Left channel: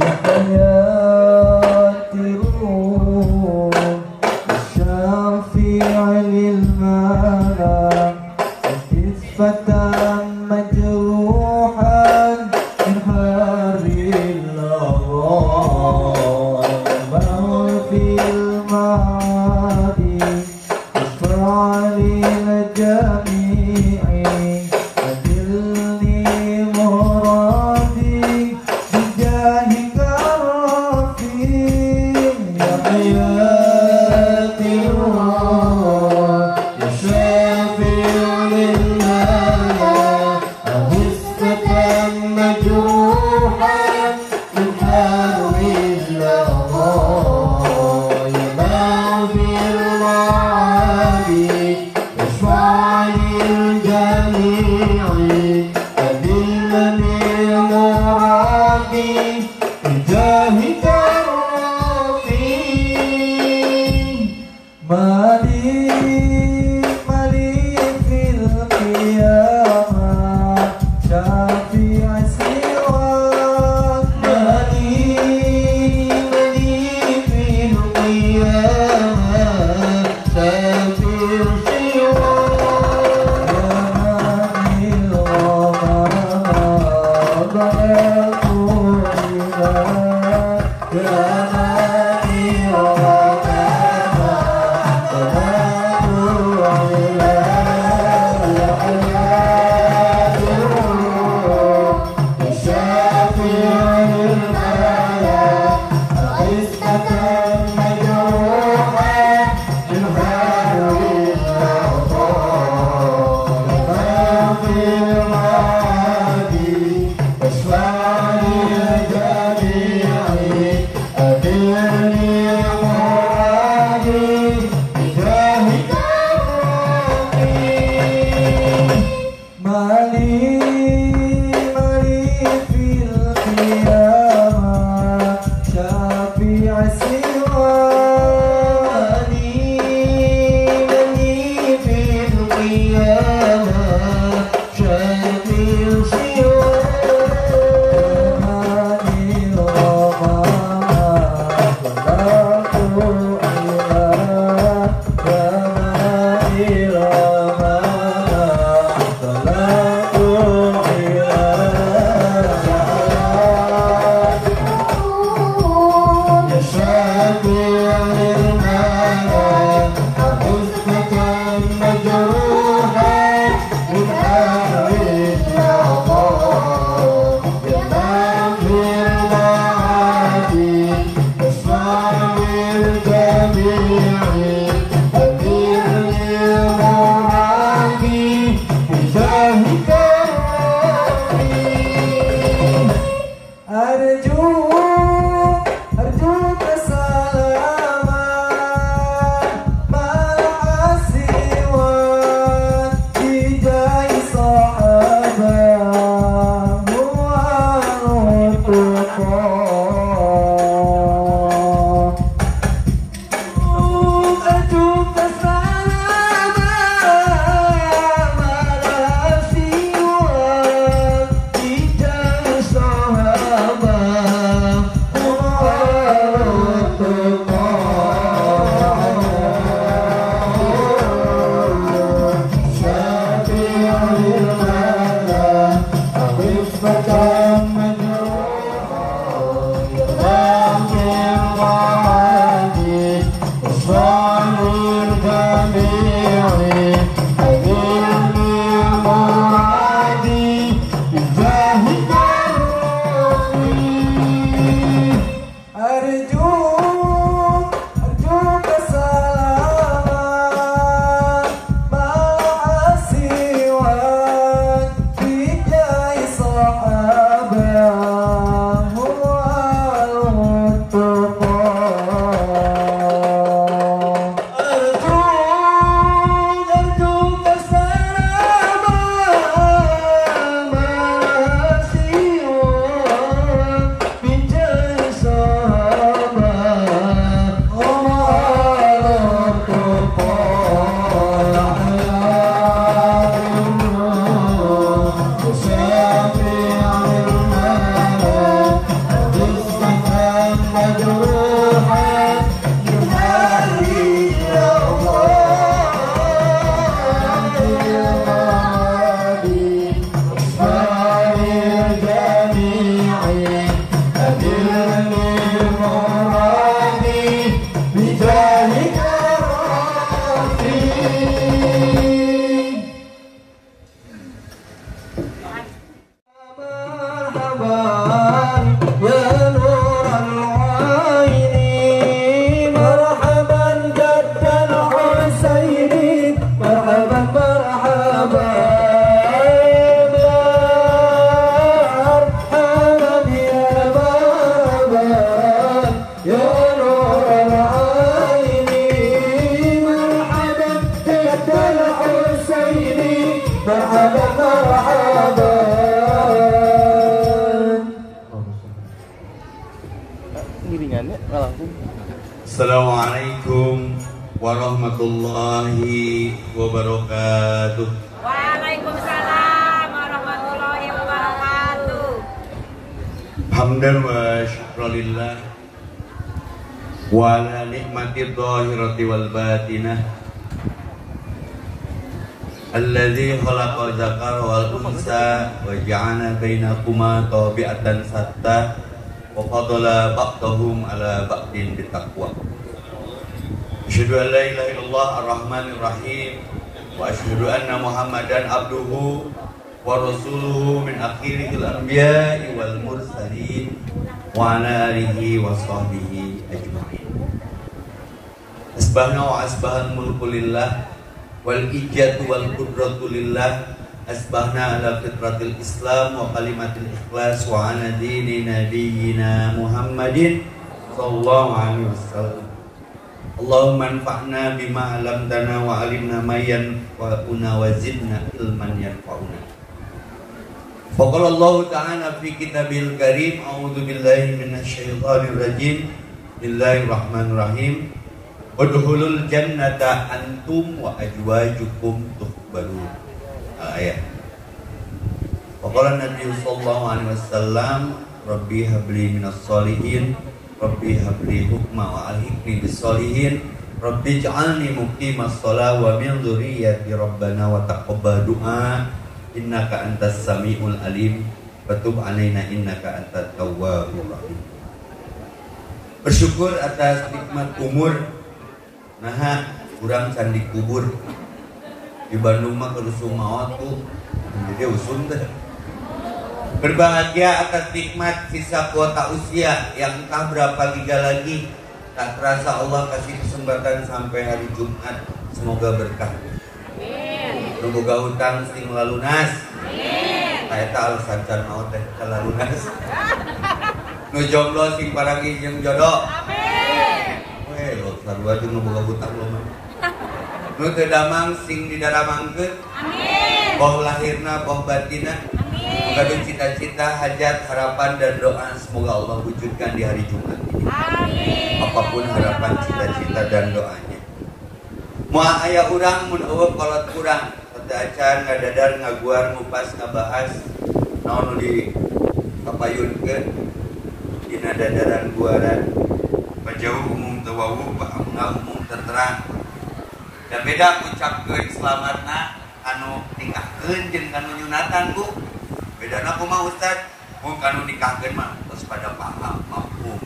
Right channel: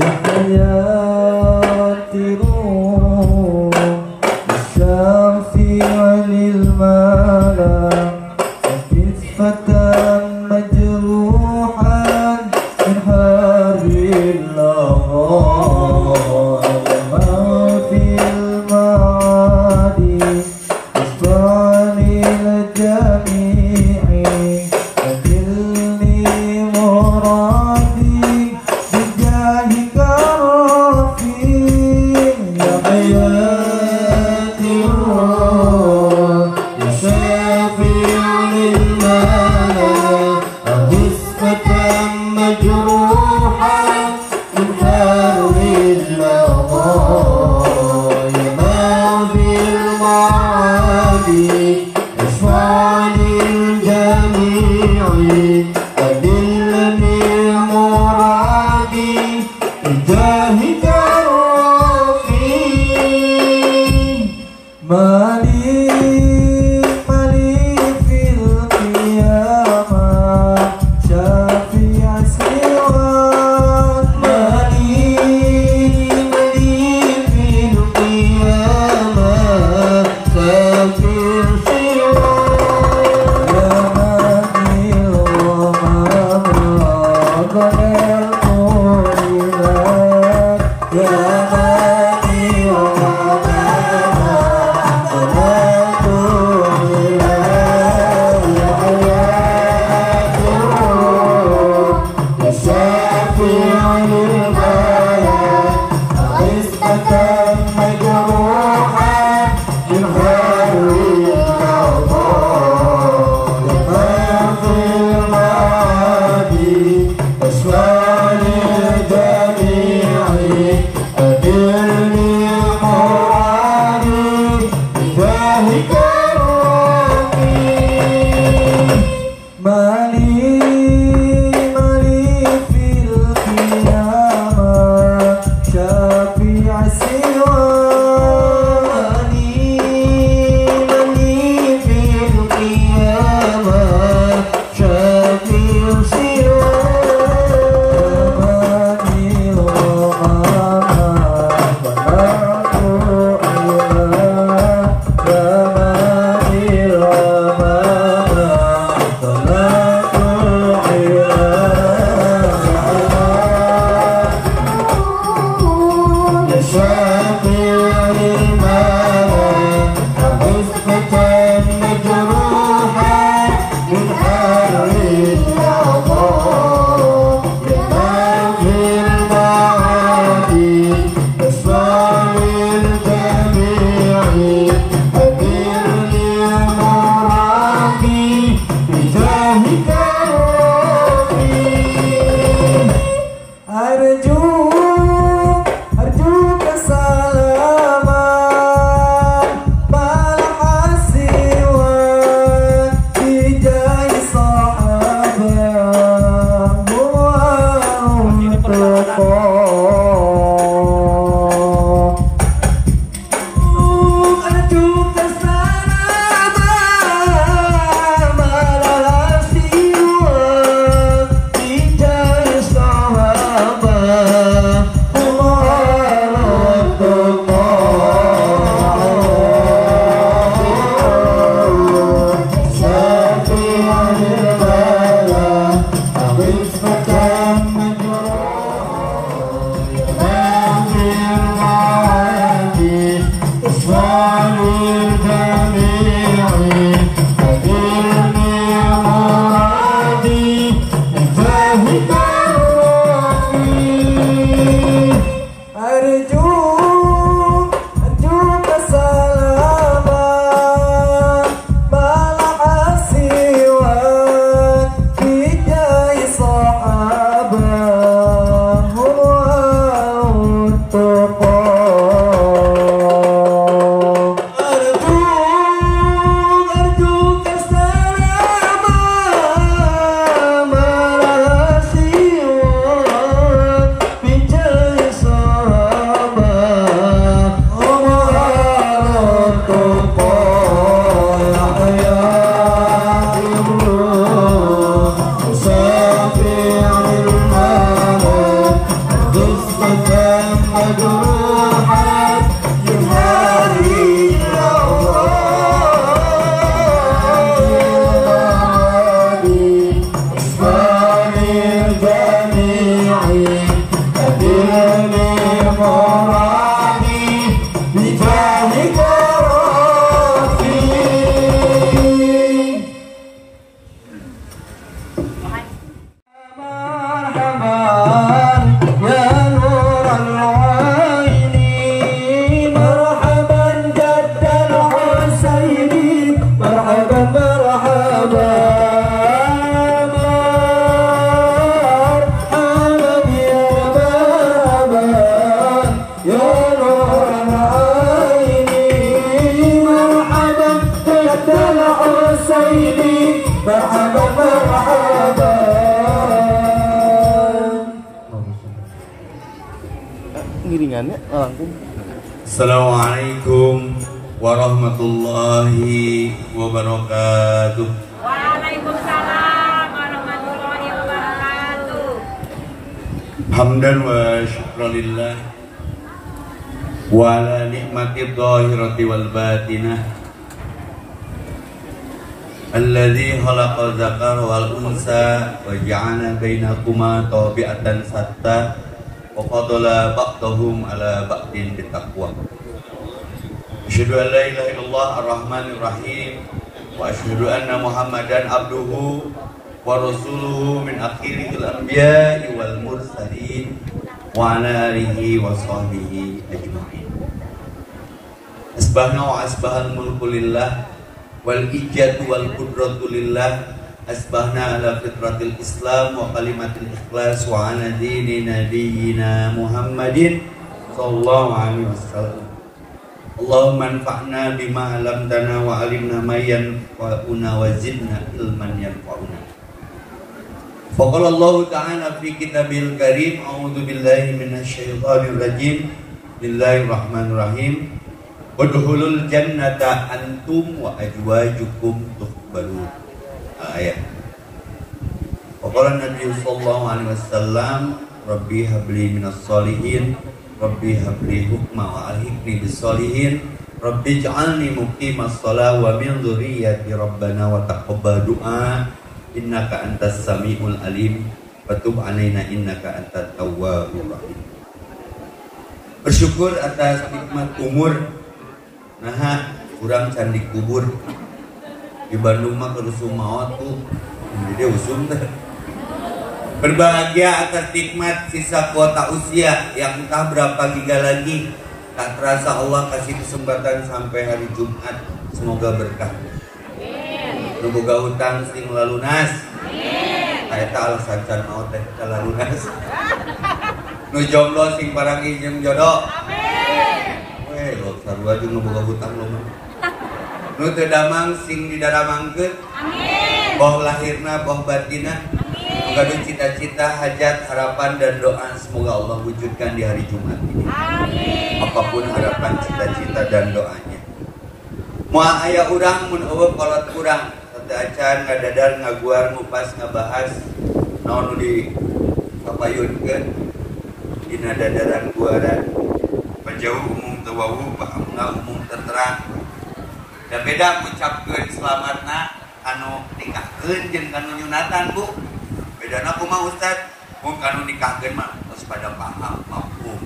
يا حياتي روح الشافع للملا كتفة مجروحا من حر النهار ما في المعادي اشفع للجميع أجلني مرادي بجاهك الرفيع يا حياتي الروح يا شافع للملا أغثك مجروحا من حر النهار ما في المعادي اشفع للجميع أدلني مرادي بجاهك الرفيع مالي في القيامة شافع سواك مالي في القيامة شافع سواك يا مالي وما ضللت إليك يا مالي وما مالي في القيامة giringannya langsung. Assalamualaikum warahmatullahi wabarakatuh. Waalaikumsalam warahmatullahi wabarakatuh. Hamdan wa syukralillah wa ala nikmati dhahirati wal batinah alladzi khalaqa dzakara wal unsa wa ja'ala bainakuma tabi'atan satta wa fadala ba'dahum ala ba'din bittaqwa. Asyhadu an la ilaha illallah ar-rahmanir rahim wa asyhadu anna muhammadan abduhu wa rasuluhu min akhiril anbiya'i wal mursalin wa ala alihi wa sahbihi ajma'in. Asbahna wa asbahal mulku lillah wal ijadu wal qudratu lillah. Asbahna ala fitratil islam wa kalimatil ikhlas wa ala dini nabiyyina Muhammadin sallallahu alaihi wasallam. Allahumma anfa'na bima 'allamtana wa 'allimna ma yanfa'una wa zidna ilman yanfa'una. Faqala Allah ta'ala fi kitabil karim, a'udzu billahi minasyaitonir rajim. Bismillahirrahmanirrahim. Udkhulul jannata antum wa azwajukum tuhbarun. Ayat. Faqala Nabi sallallahu alaihi wasallam, Rabbi habli minas solihin, Rabbi habli hukma wa alhiqni bis solihin, Rabbi ij'alni muqimas shalah wa min dzurriyyati rabbana wa taqabbal du'a innaka antas samiul alim wa tub alaina innaka antat tawwabur rahim. Bersyukur atas nikmat umur. Nah, kurang candi kubur di Bandung mah kerusum maot tuh dia usum teh. Berbahagia atas nikmat sisa kuota usia yang entah berapa giga lagi. Tak terasa Allah kasih kesempatan sampai hari Jumat. Semoga berkah. Nu boga hutang sing lalunas. Nah eta alasan can maot teh lalunas. Nu jomblo sing parangi jeung jodoh. Lo sarua jeung nu boga hutang lo mah. Nu teu damang sing didaramangkeun. Amin. Boh lahirna, boh batina. Amin. Cita-cita, hajat, harapan dan doa semoga Allah wujudkan di hari Jumat ini. Amin. Apapun harapan, cita-cita dan doanya. Moal aya urang mun eueuh kolot urang, teu acan ngadadar ngaguar ngupas ngabahas naon nu di kapayunkeun dina dadaran guaran. Penjauh umum tawawu, bahwa umum terterang. Dan beda ucapkeun selamatna anu nikahkeun jeung kanu nyunatan Bu. Bedana kumaha Ustaz? Mun kanu nikahkeun mah tos pada paham mafhum.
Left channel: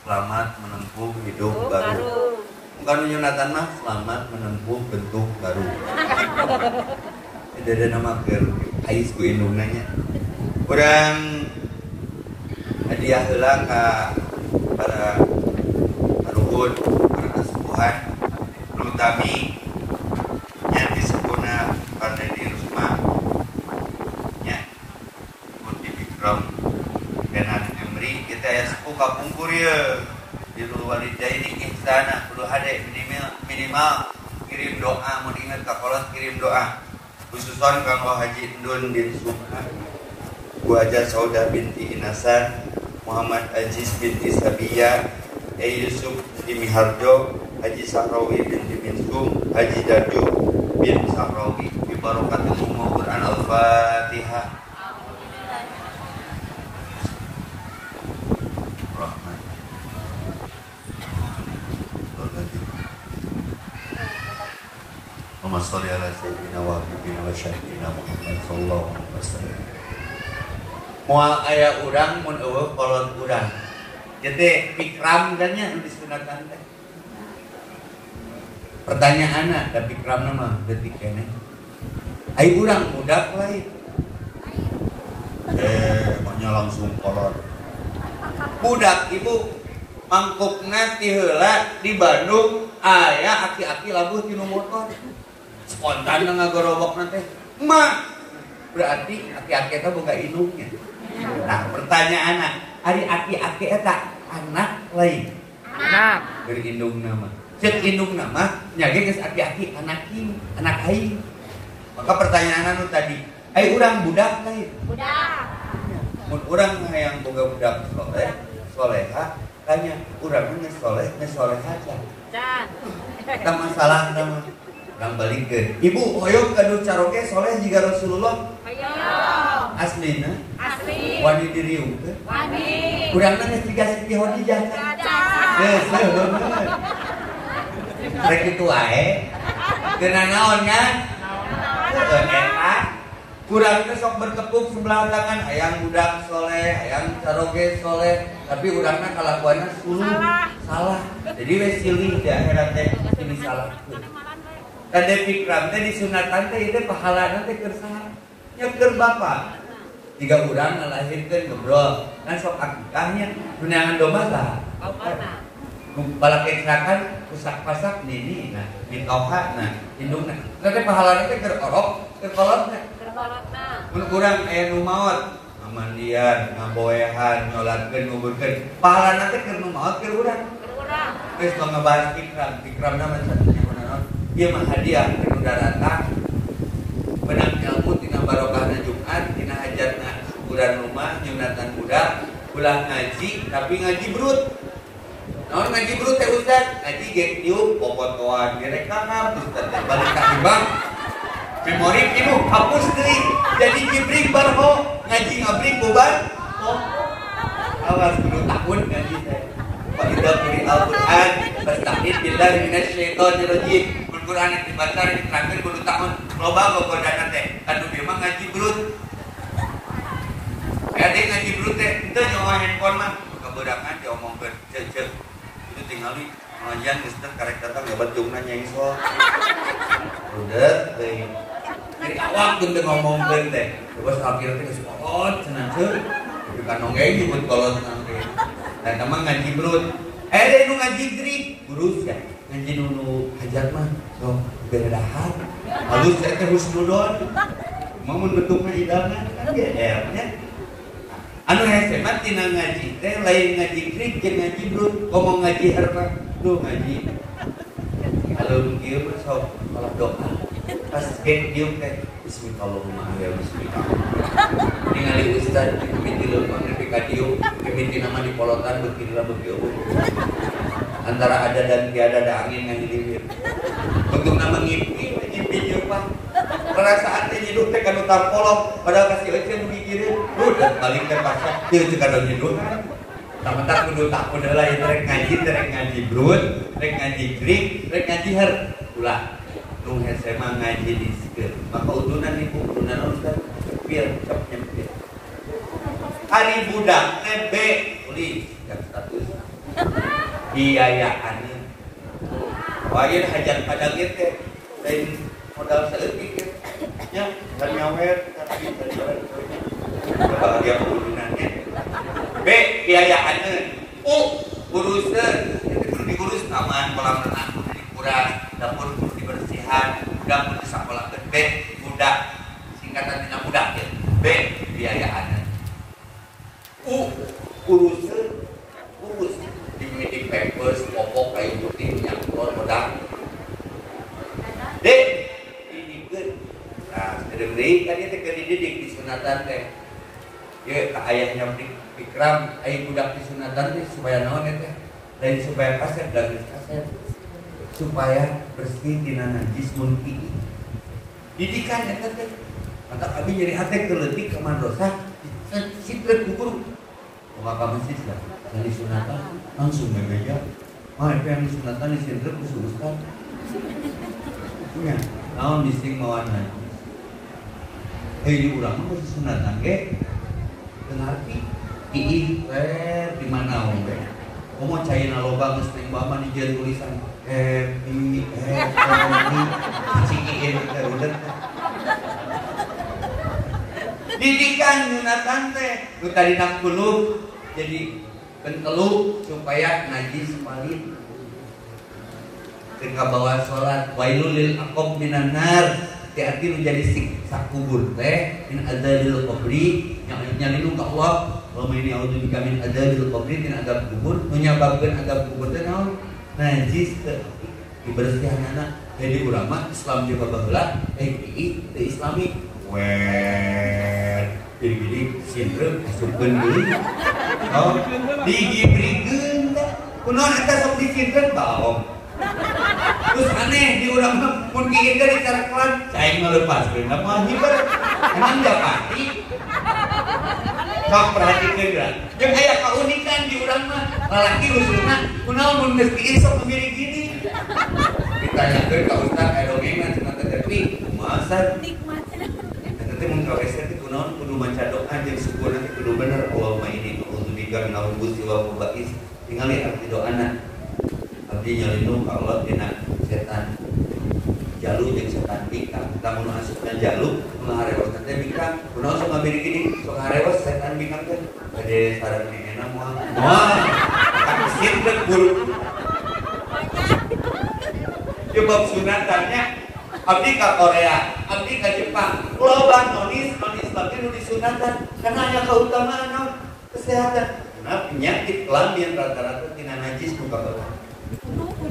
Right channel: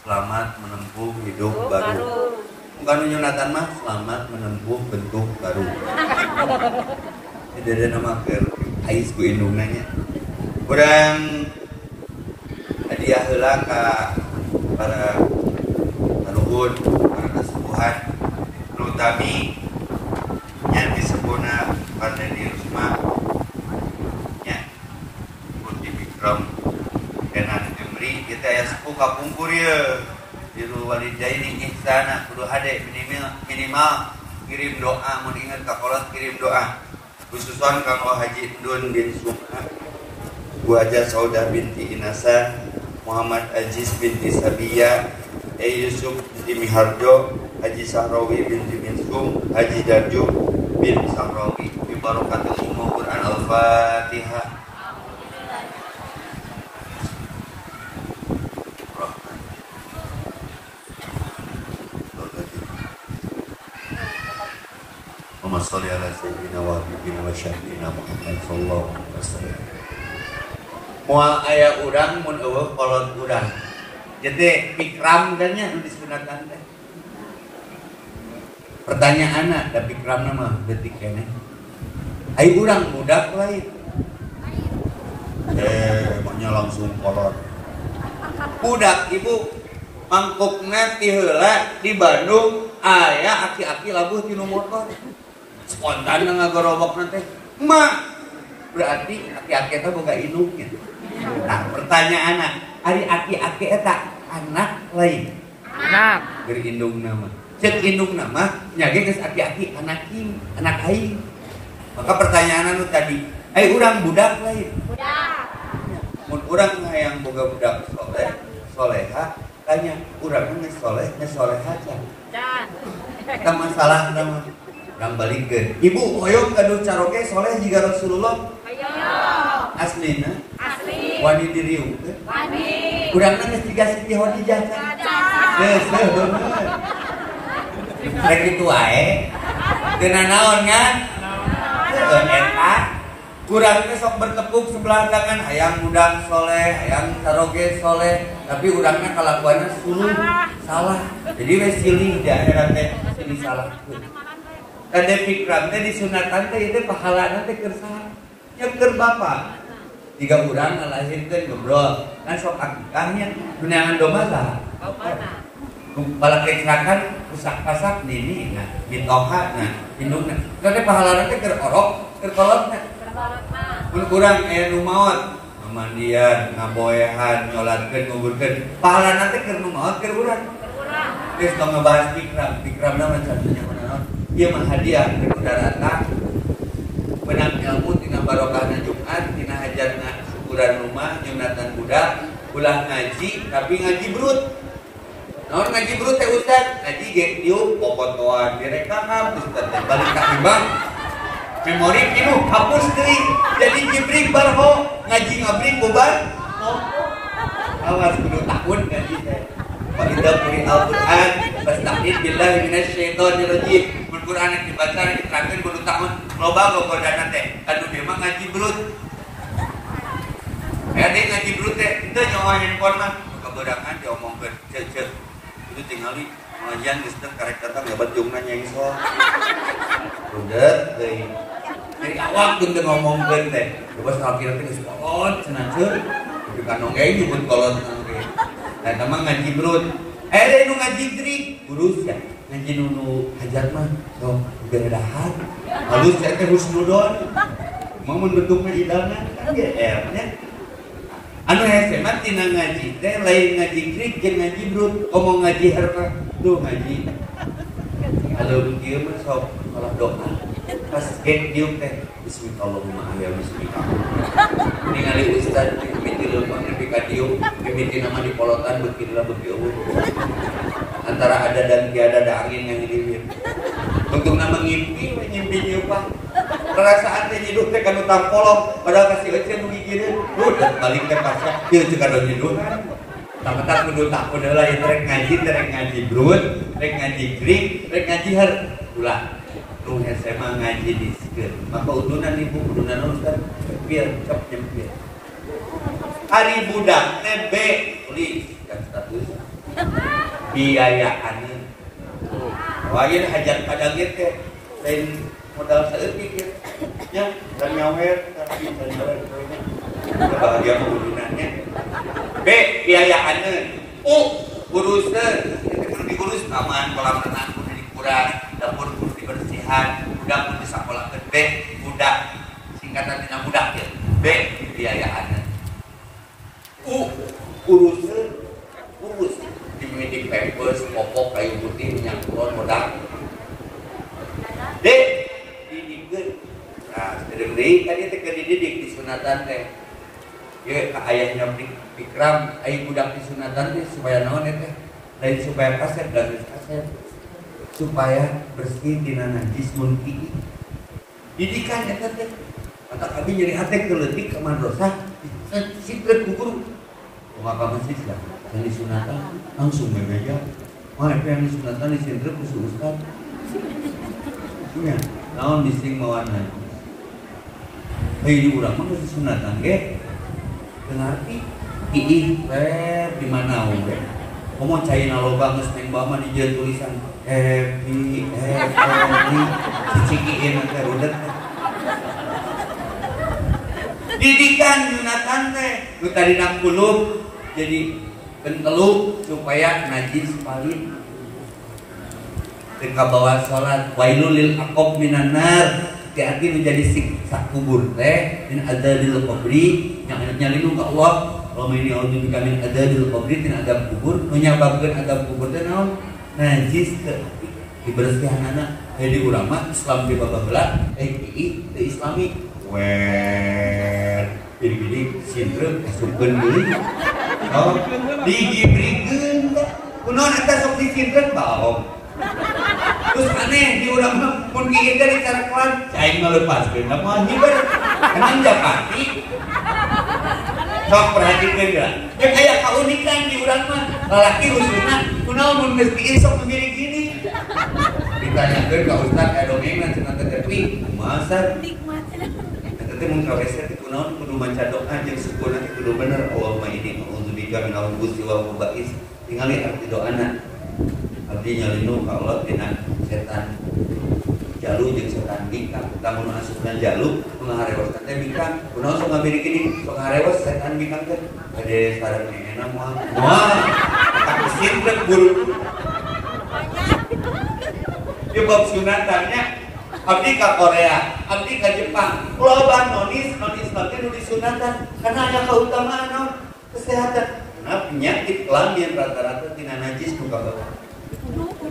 Selamat menempuh hidup baru. Kanu nyunatan mah selamat menempuh bentuk baru. Tidak ada nama keur ais ku indungna nya. Urang hadiah heula ka para luhur, para kasepuhan, nutami yang disebutna Partai di Rusma nya pun di Bikram dan ada Jemri kita ya sepuh kapungkur ya diru walidaini ihsana kudu hade minimal kirim doa mun inget ka kolot kirim doa khususan kanggo Haji Endun bin Sumah Bu Haja Saudah binti Inasan Muhammad Aziz binti Sabiyah Yusuf bin Harjo Haji Sahrawi binti Minskum Haji Darjo bin Sahrawi bi barakatul Quran Al-Fatihah. Muhammad salli ala sayyidina wa habibina wa syahdina Muhammad sallallahu alaihi wasallam. Moal aya urang mun eueuh kolot urang. Jadi pikram dan nya nu disunatan teh. Pertanyaanna da pikramna mah detik kene. Ai urang budak lain. Maunya langsung kolot. Budak ibu mangkukna ti heula di Bandung aya aki-aki labuh ti nu motor. Spontan ngagorobokna teh. Mah berarti aki-aki teh boga indung gitu. Nah, pertanyaanna, ari aki-aki eta anak lain. Anak berindung nama. Cek indung nama nyage geus aki-aki anak aing. Maka pertanyaan anu tadi, ai urang budak lain. Budak. Mun urang hayang boga budak soleha, tanya urang geus soleh aja. Dan Eta masalah nama yang balikeun. Ibu hoyong kaduh caroge soleh jiga Rasulullah. ayo Aslina asli wani diriungkeun. wani Urang geus jiga Siti Khadijah. Geus bener. Rek kitu wae. Teu naon kan? Eta kurang teh sok bertepuk sebelah tangan hayang budak soleh, hayang caroge soleh, tapi urangna kalakuanna suluh salah. Jadi we silih di akhirat teh silih salah. Tade pikram teh disunatan teh ieu pahalana teh keur saha? Nya keur bapak. Tiga urang ngalahirkeun ngobrol, kan sok akikahnya guneangan domba tah. Bala kecerakan rusak pasak nini nah bitoha nah indungna. Tade pahalana teh keur orok, keur kolotna. Mun kurang nu maot amandian, ngaboehan, nyolatkeun, nguburkeun. Pahalana teh keur nu maot keur urang. Geus tong ngebahas pikram mah satunya kunaon? Ieu mah hadiah ti saudara menang ilmu tina barokahna Jumat, tina hajatna ukuran rumah, nyunatan budak, ulah ngaji tapi ngaji brut. Naon ngaji brut teh ustaz? Ngaji ge dieu popotoan direkam ustaz teh balik ka ibang. Memori itu hapus deui. Jadi jibrik barho ngaji ngabrik bubar. Awas kudu takun ngaji teh. Wa idza quri'al Qur'an fasta'id billahi minasyaitonir rajim. Mun Qur'an dibaca diterangkeun kudu takun loba gogodana teh. Anu dia mah ngaji brut. Ade ngaji brut teh teu nyawa handphone mah keberangan diomongkeun ceuk. Itu tingali pengajian geus teu karek datang hebat jungna nyai sol. Udah deui. Jadi awak tuh ngomongkeun teh. Terus akhirnya geus kolot cenah ceuk. Di kanong ge nyebut kolot nanti. Nah, tamang ngaji brut. Nu ngaji grik, urus ya. Ngaji nu hajat mah sok beredahan. Halus ya teh husnudon. Mau mun bentukna idana kan GR nya. Anu hese mah tina ngaji teh lain ngaji grik jeung ngaji brut. Ngomong ngaji harta tuh ngaji. Kalau kieu mah sok salah doa. Pas geng dieu teh bismillahirrahmanirrahim ya bismillah. Ningali ustaz mimiti leumpang nepi ka dieu, mimiti nama di polotan beuki lah beuki eueuh. Antara ada dan tiada ada angin yang dililir. Bentukna mengimpi dieu Pak. Perasaan teh hidup teh kanu tampolong padahal kasih euceun nu gigireun. Udah balik teh pasak dieu teh kanu hidup. Tamat kudu tak udah lah rek ngaji brut, rek ngaji grik, rek ngaji har. Ulah tung SMA ngaji di sikeun. Maka utunan ibu utunan ustaz cepil cep nyempil. Hari budak TB tulis yang status biayaan. Wae hajat pada teh lain modal saeutik nya dan nyawer tapi dan bahagia penggunanya. B biayaan. Urusan itu diurus taman kolam renang kudu dikuras, dapur kudu dibersihan, budak kudu disapolakeun. B budak singkatan tina budak ya. B biayaan. Urus di medik papers, popok kayu putih, minyak telur, modal. D didikeun. Nah, deui kan ieu teh keur dididik di sunatan teh. Ye ayahnya pikram aya budak di sunatan teh supaya naon teh? Lain supaya kasep dan kasep. Supaya bersih tina najis munki. Didikan eta teh. Mantap abi nyeri hate keleutik ka madrasah. Sitrep ku guru. Ngapa masjid lah? Di sunatan langsung bebeja. Mah yang di sunatan di sitrep ku ustaz. Iya, naon bising mawan najis. Di urang mah di sunatan ge. Berarti iih di mana we? Komo caina loba geus meng bawa di jalan tulisan happy cikiin teh udah. Didikan Yunatan teh nu tadi nak dulu jadi pentelu supaya najis palit. Ketika bawa sholat wailul lil aqab minan nar, hati menjadi siksa kubur teh min adzadil qabri yang nyalinu ka Allah. Wa may ya'udzu min adzadil qabri tin azab kubur, nu nyababkeun azab kubur teh naon? Najis teh dibersihanana. Jadi ulama Islam di babaheula TI teu Islami. Jadi sindrom asupkeun deui. Oh, digibrikeun kunaon eta sok dicinten baong. Terus aneh di urang mah mun kieu teh dicarakeun cai ngalepaskeun da moal hiber. Emang japati. Sok perhatikeun geura. Jeung aya kaunikan di urang mah lalaki usuna kunaon mun geus kieu sok mirip gini. Ditanyakeun ka ustaz dongengna cenah teh teh masa nikmat. Teh mun kawesa teh kunaon kudu maca doa jeung syukurna kudu bener Allahumma inni a'udzubika min al-khubuthi wal khaba'is. Tingali arti doana. Abdi nyalinu ka Allah dina setan jalu jeung setan bingkang. Lamun asupna jalu ngarewas teh bingkang. Kunaon sok ngabiri kini sok ngarewas setan bingkang teh. Ade sareng nengena moal. Moal. Kasin teh guru. Di bab sunatannya abdi ka Korea, abdi ka Jepang. Loba manis teh nu disunatan karena aya kautamaan kesehatan. Nah, penyakit kelamin rata-rata tina najis nu kabawa.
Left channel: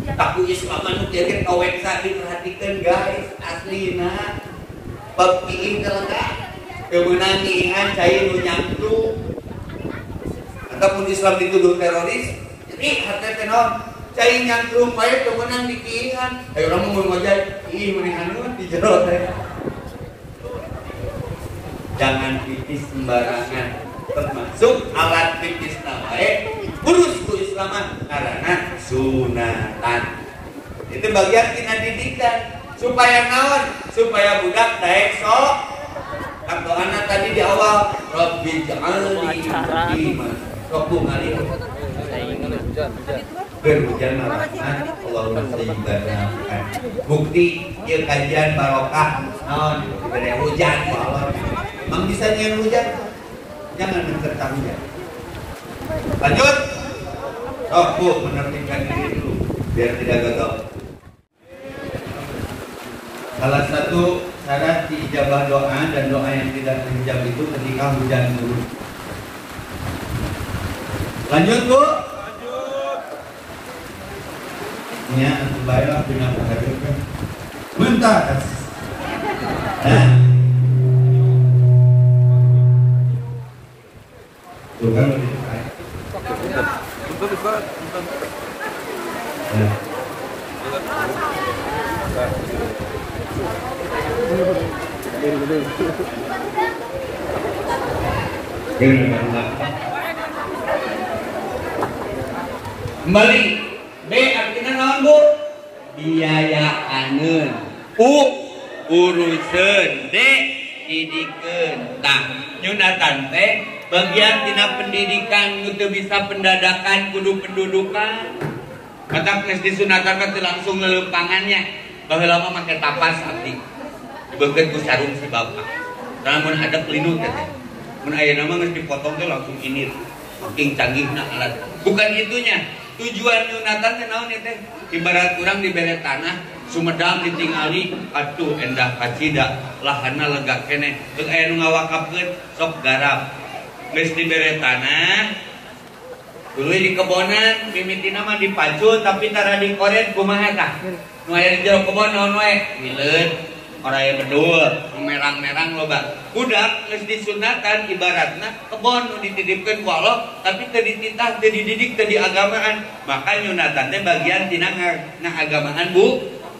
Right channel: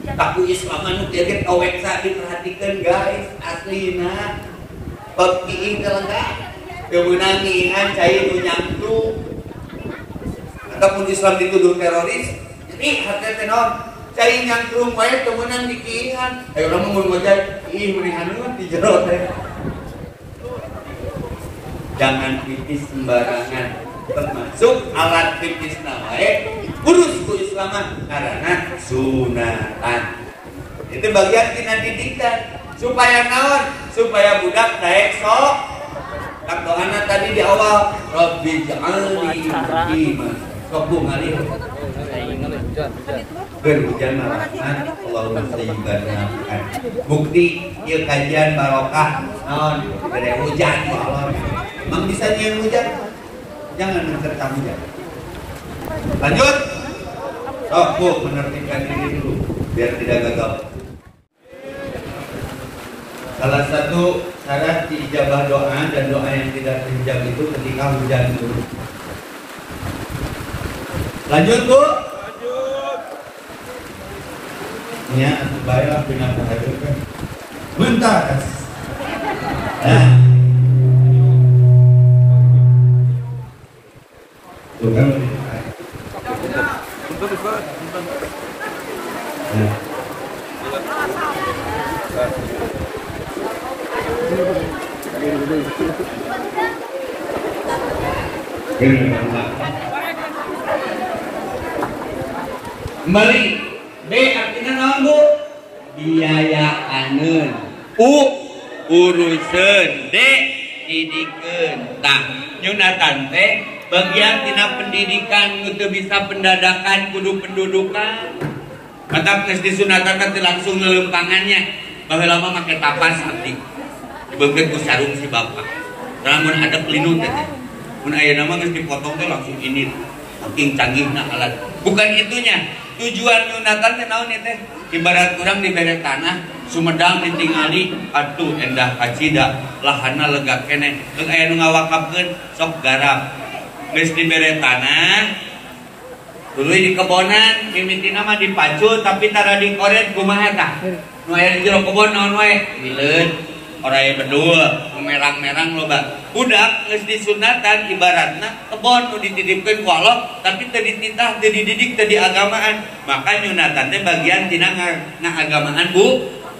Aku Islam anu kieu kaweksa diperhatikeun guys, aslina. Bab ieu teh lengkap. Teu meunang ngiingan cai nu nyangkrung. Ataupun Islam dituduh teroris, jadi hati teh naon? Cai nyangkrung wae teu meunang dikiingan. Aya urang mun ngojay, ih mendingan di jero teh. Jangan pipis sembarangan, termasuk alat pipis wae urus ku Islaman karena sunatan. Itu bagian tina didikan supaya naon? Supaya budak daek sok. Doana tadi di awal, Rabbi ja'alni muqiman. Sok Bu ngali. Berhujan rahmat Allahumma sayyiban. Bukti ieu kajian barokah naon? Gede hujan ku Allah. Emang bisa nyian hujan? Jangan mencerita hujan. Lanjut. Oh, Bu, menertibkan diri dulu biar tidak gagal. Salah satu syarat diijabah doa dan doa yang tidak terijab itu ketika hujan turun. Lanjut, Bu. Ya, baiklah dengan terhadapnya. Bentar. Nah. Tuh kan lebih baik. Bentar, Ustaz. Kembali B artinya naon Bu? Biayaaneun. U uruseun. D didikeun. Tah nyunatan teh bagian tina pendidikan untuk bisa pendadakan kudu pendudukan. Maka geus disunatan teh langsung ngelempangannya. Baheula mah make tapas mati. Dibeukeun ku sarung si bapak. Lamun ada pelindung teh. Mun aya nama geus dipotong teh langsung ini. Saking canggihna alat. Bukan itunya. Tujuan sunatan teh naon teh? Ibarat urang dibere tanah, Sumedang ditingali, atuh endah kacida, lahanna lega keneh. Geus aya nu ngawakafkeun sok garap. Geus dibere tanah, tuluy di kebonan, mimitina mah dipacul tapi tara dikoret kumaha tah? Nu aya di jero kebon naon wae? Hileud. Ora aya bedul, merang-merang loba. Budak geus disunatan ibaratna kebon nu dititipkeun ku Allah, tapi teu dititah, teu dididik, teu diagamaan. Maka nyunatan teh bagian tina ngagamaan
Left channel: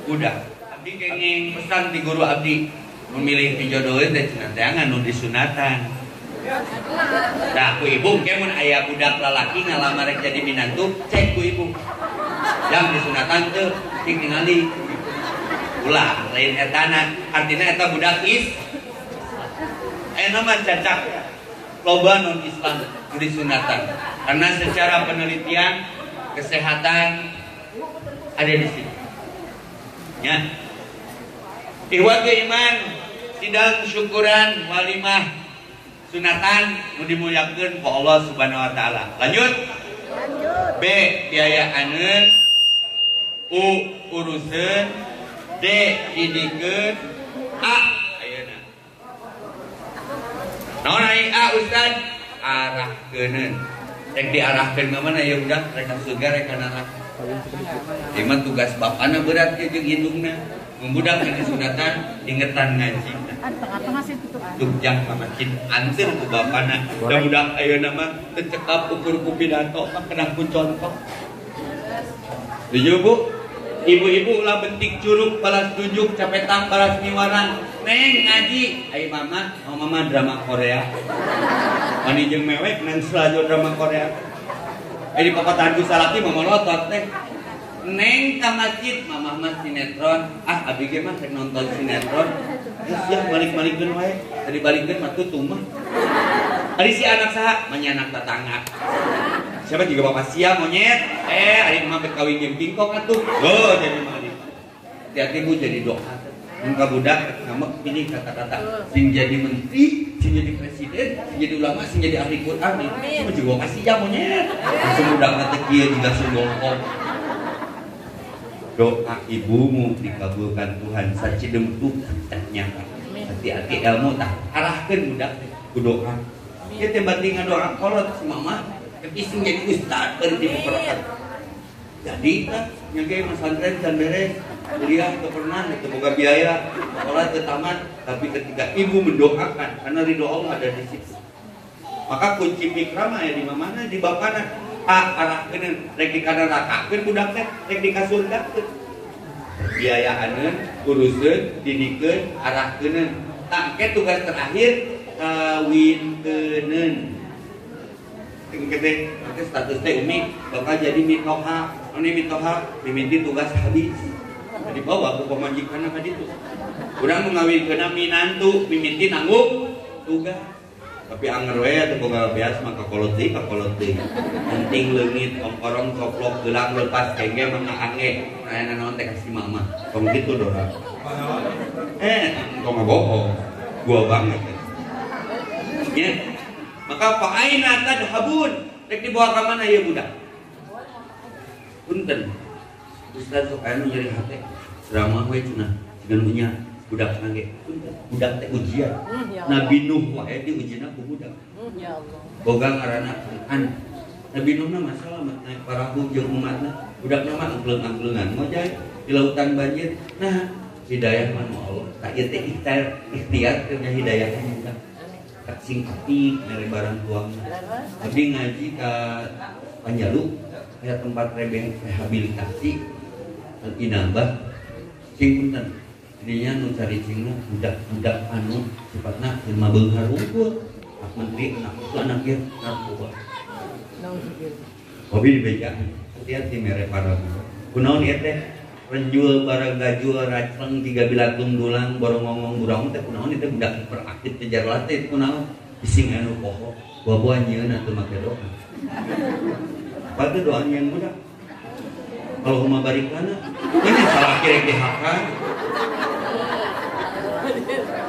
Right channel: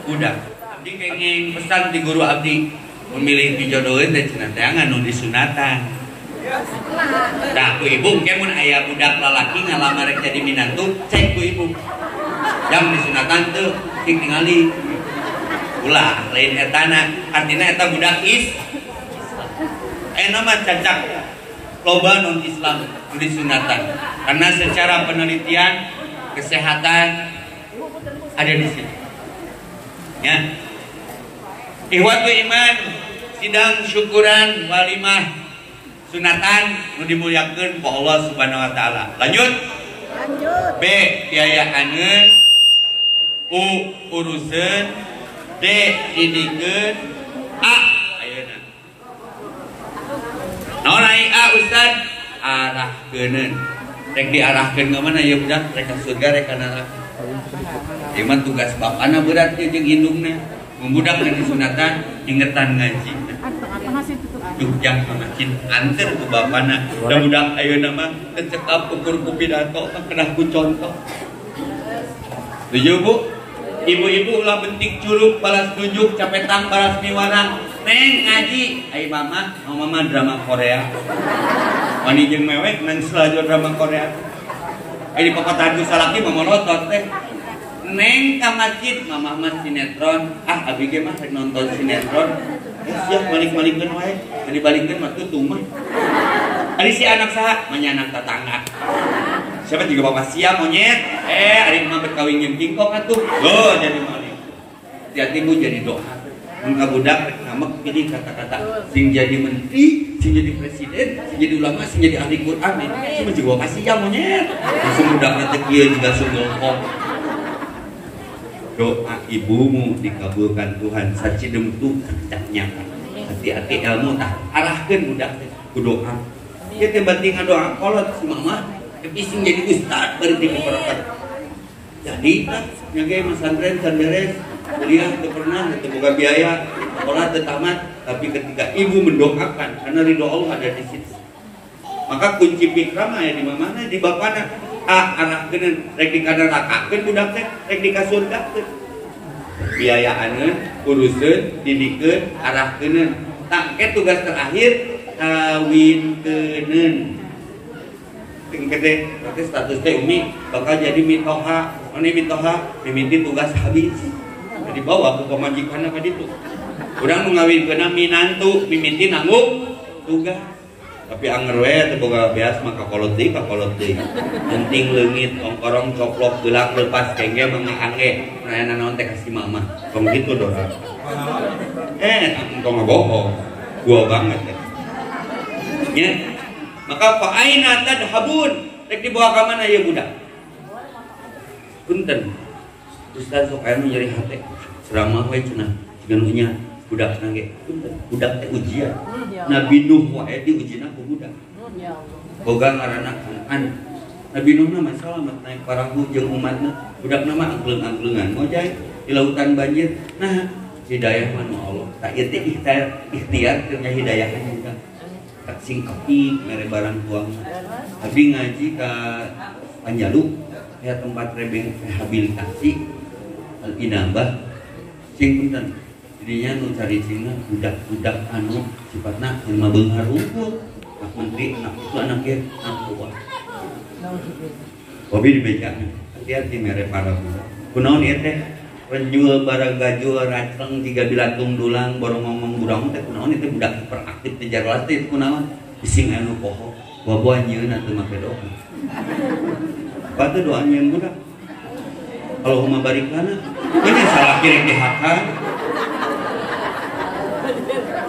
budak. Abdi kenging pesan di guru abdi memilih dijodoheun teh cenah teh nganu disunatan. Nah, ku ibu ke mun aya budak lalaki ngalamar jadi minantu, cek ku ibu. Yang disunatan teh tingali ulah lain etana artinya eta budak nama cacak loba non Islam di sunatan karena secara penelitian kesehatan ada di situ ya. Ikhwatu iman sidang syukuran walimah sunatan nu dimuliakeun ku Allah Subhanahu wa taala. Lanjut B biayaaneun, U uruseun, D didikeun, A ayeuna. Naon ai A Ustaz? Arahkeuneun. Rek diarahkeun ke mana ya budak? Rek ka surga rek ka neraka. Iman tugas bapana berat jeung indungna. Mun budak nu disunatan ingetan ngaji. Jugjang makin antir ku bapana. Da budak ayeuna mah teu cekap ukur ku pidato, kena ku contoh. Setuju Bu? Ibu-ibu ulah bentik curug balas tunjuk capetang balas niwarang. Neng ngaji, ayo mama drama Korea. Mani jeung mewek nang selalu drama Korea. Di pokok itu salaki mama lotot teh. Neng ka masjid, mama mah sinetron. Ah, abi ge mah nonton sinetron. Siap balik-balikeun wae. Tadi balikeun mah tutung mah. Ari si anak saha? Manya anak tetangga. Siapa juga bapak siap monyet? Ari mah berkawin jeung kingkong atuh. Oh, jadi maling. Hati-hati Bu jadi doa. Muka budak ngamek pilih kata-kata sing jadi menteri, sing jadi presiden, sing jadi ulama, sing jadi ahli Quran. Semua juga kasih ya monyet. Langsung budak teh kieu juga sungguh. Doa ibumu dikabulkan Tuhan sacidemtu nyata. Hati-hati ilmu tah arahkeun budak teh ku doa. Ieu teh penting ngadoa kolot si mama tapi sing jadi ustad bari diberkat. Jadi nyage pesantren can beres, dia teu pernah teu boga biaya, sekolah teu tamat, tapi ketika ibu mendoakan karena ridho Allah ada di situ. Maka kunci pikrama ya di mana di bapana arahkeun rek di kana rakakeun budak teh rek di kasurgakeun. Biayaaneun, uruseun, didikeun, arahkeun. Tak ke tugas terakhir awinteuneun. Gede status teh umi bakal jadi mitoha, ini mitoha mimiti tugas habis. Jadi bawa ke pemajikan apa itu. Urang mengawinkeun minantu mimiti nanggung tugas. Tapi anger we teh boga beas mah kakolot deui. Penting leungit ongkorong coplok gelang lepas kengge mangga angge. Aya naon teh ka si mama. Kong kitu dora. Engkong bohong. Gua banget teh. Ya. Maka fa aina tadhabun? Rek dibawa ka mana ieu budak? Punten. Ustaz sok aya nyeri hate. Ceramah we cenah genunya budak nage. Punten. Budak teh ujian. Nabi Nuh wae diujina ku budak. Boga ngaranna Kanan. Nabi Nuh mah selamat naik parahu jeung umatna. Budakna mah angkleung-angkleungan mojay di lautan banjir. Nah, hidayah mah Allah. Tak ieu teh ikhtiar teh hidayah ka budak. Tak sing kopi mere barang tuang. Tapi ngaji ka Panjalu ya tempat rehabilitasi Al-Inabah sing punten. Jadinya nu cari cingna budak-budak anu sifatna lima beunghar unggul. Pak Menteri anak itu anaknya anak buah. Hobi di beja. Hati-hati mere para budak. Kunaon ieu teh? Penjual barang gajul raceng 3 bilatung dulang borong ngomong burang teh kunaon itu budak hiperaktif teh jarlas teh kunaon bising anu poho bobo anjeunna teu make doa. Apa teh doa anjeun budak? Allahumma barik lana. Ini salah kirek dihakan.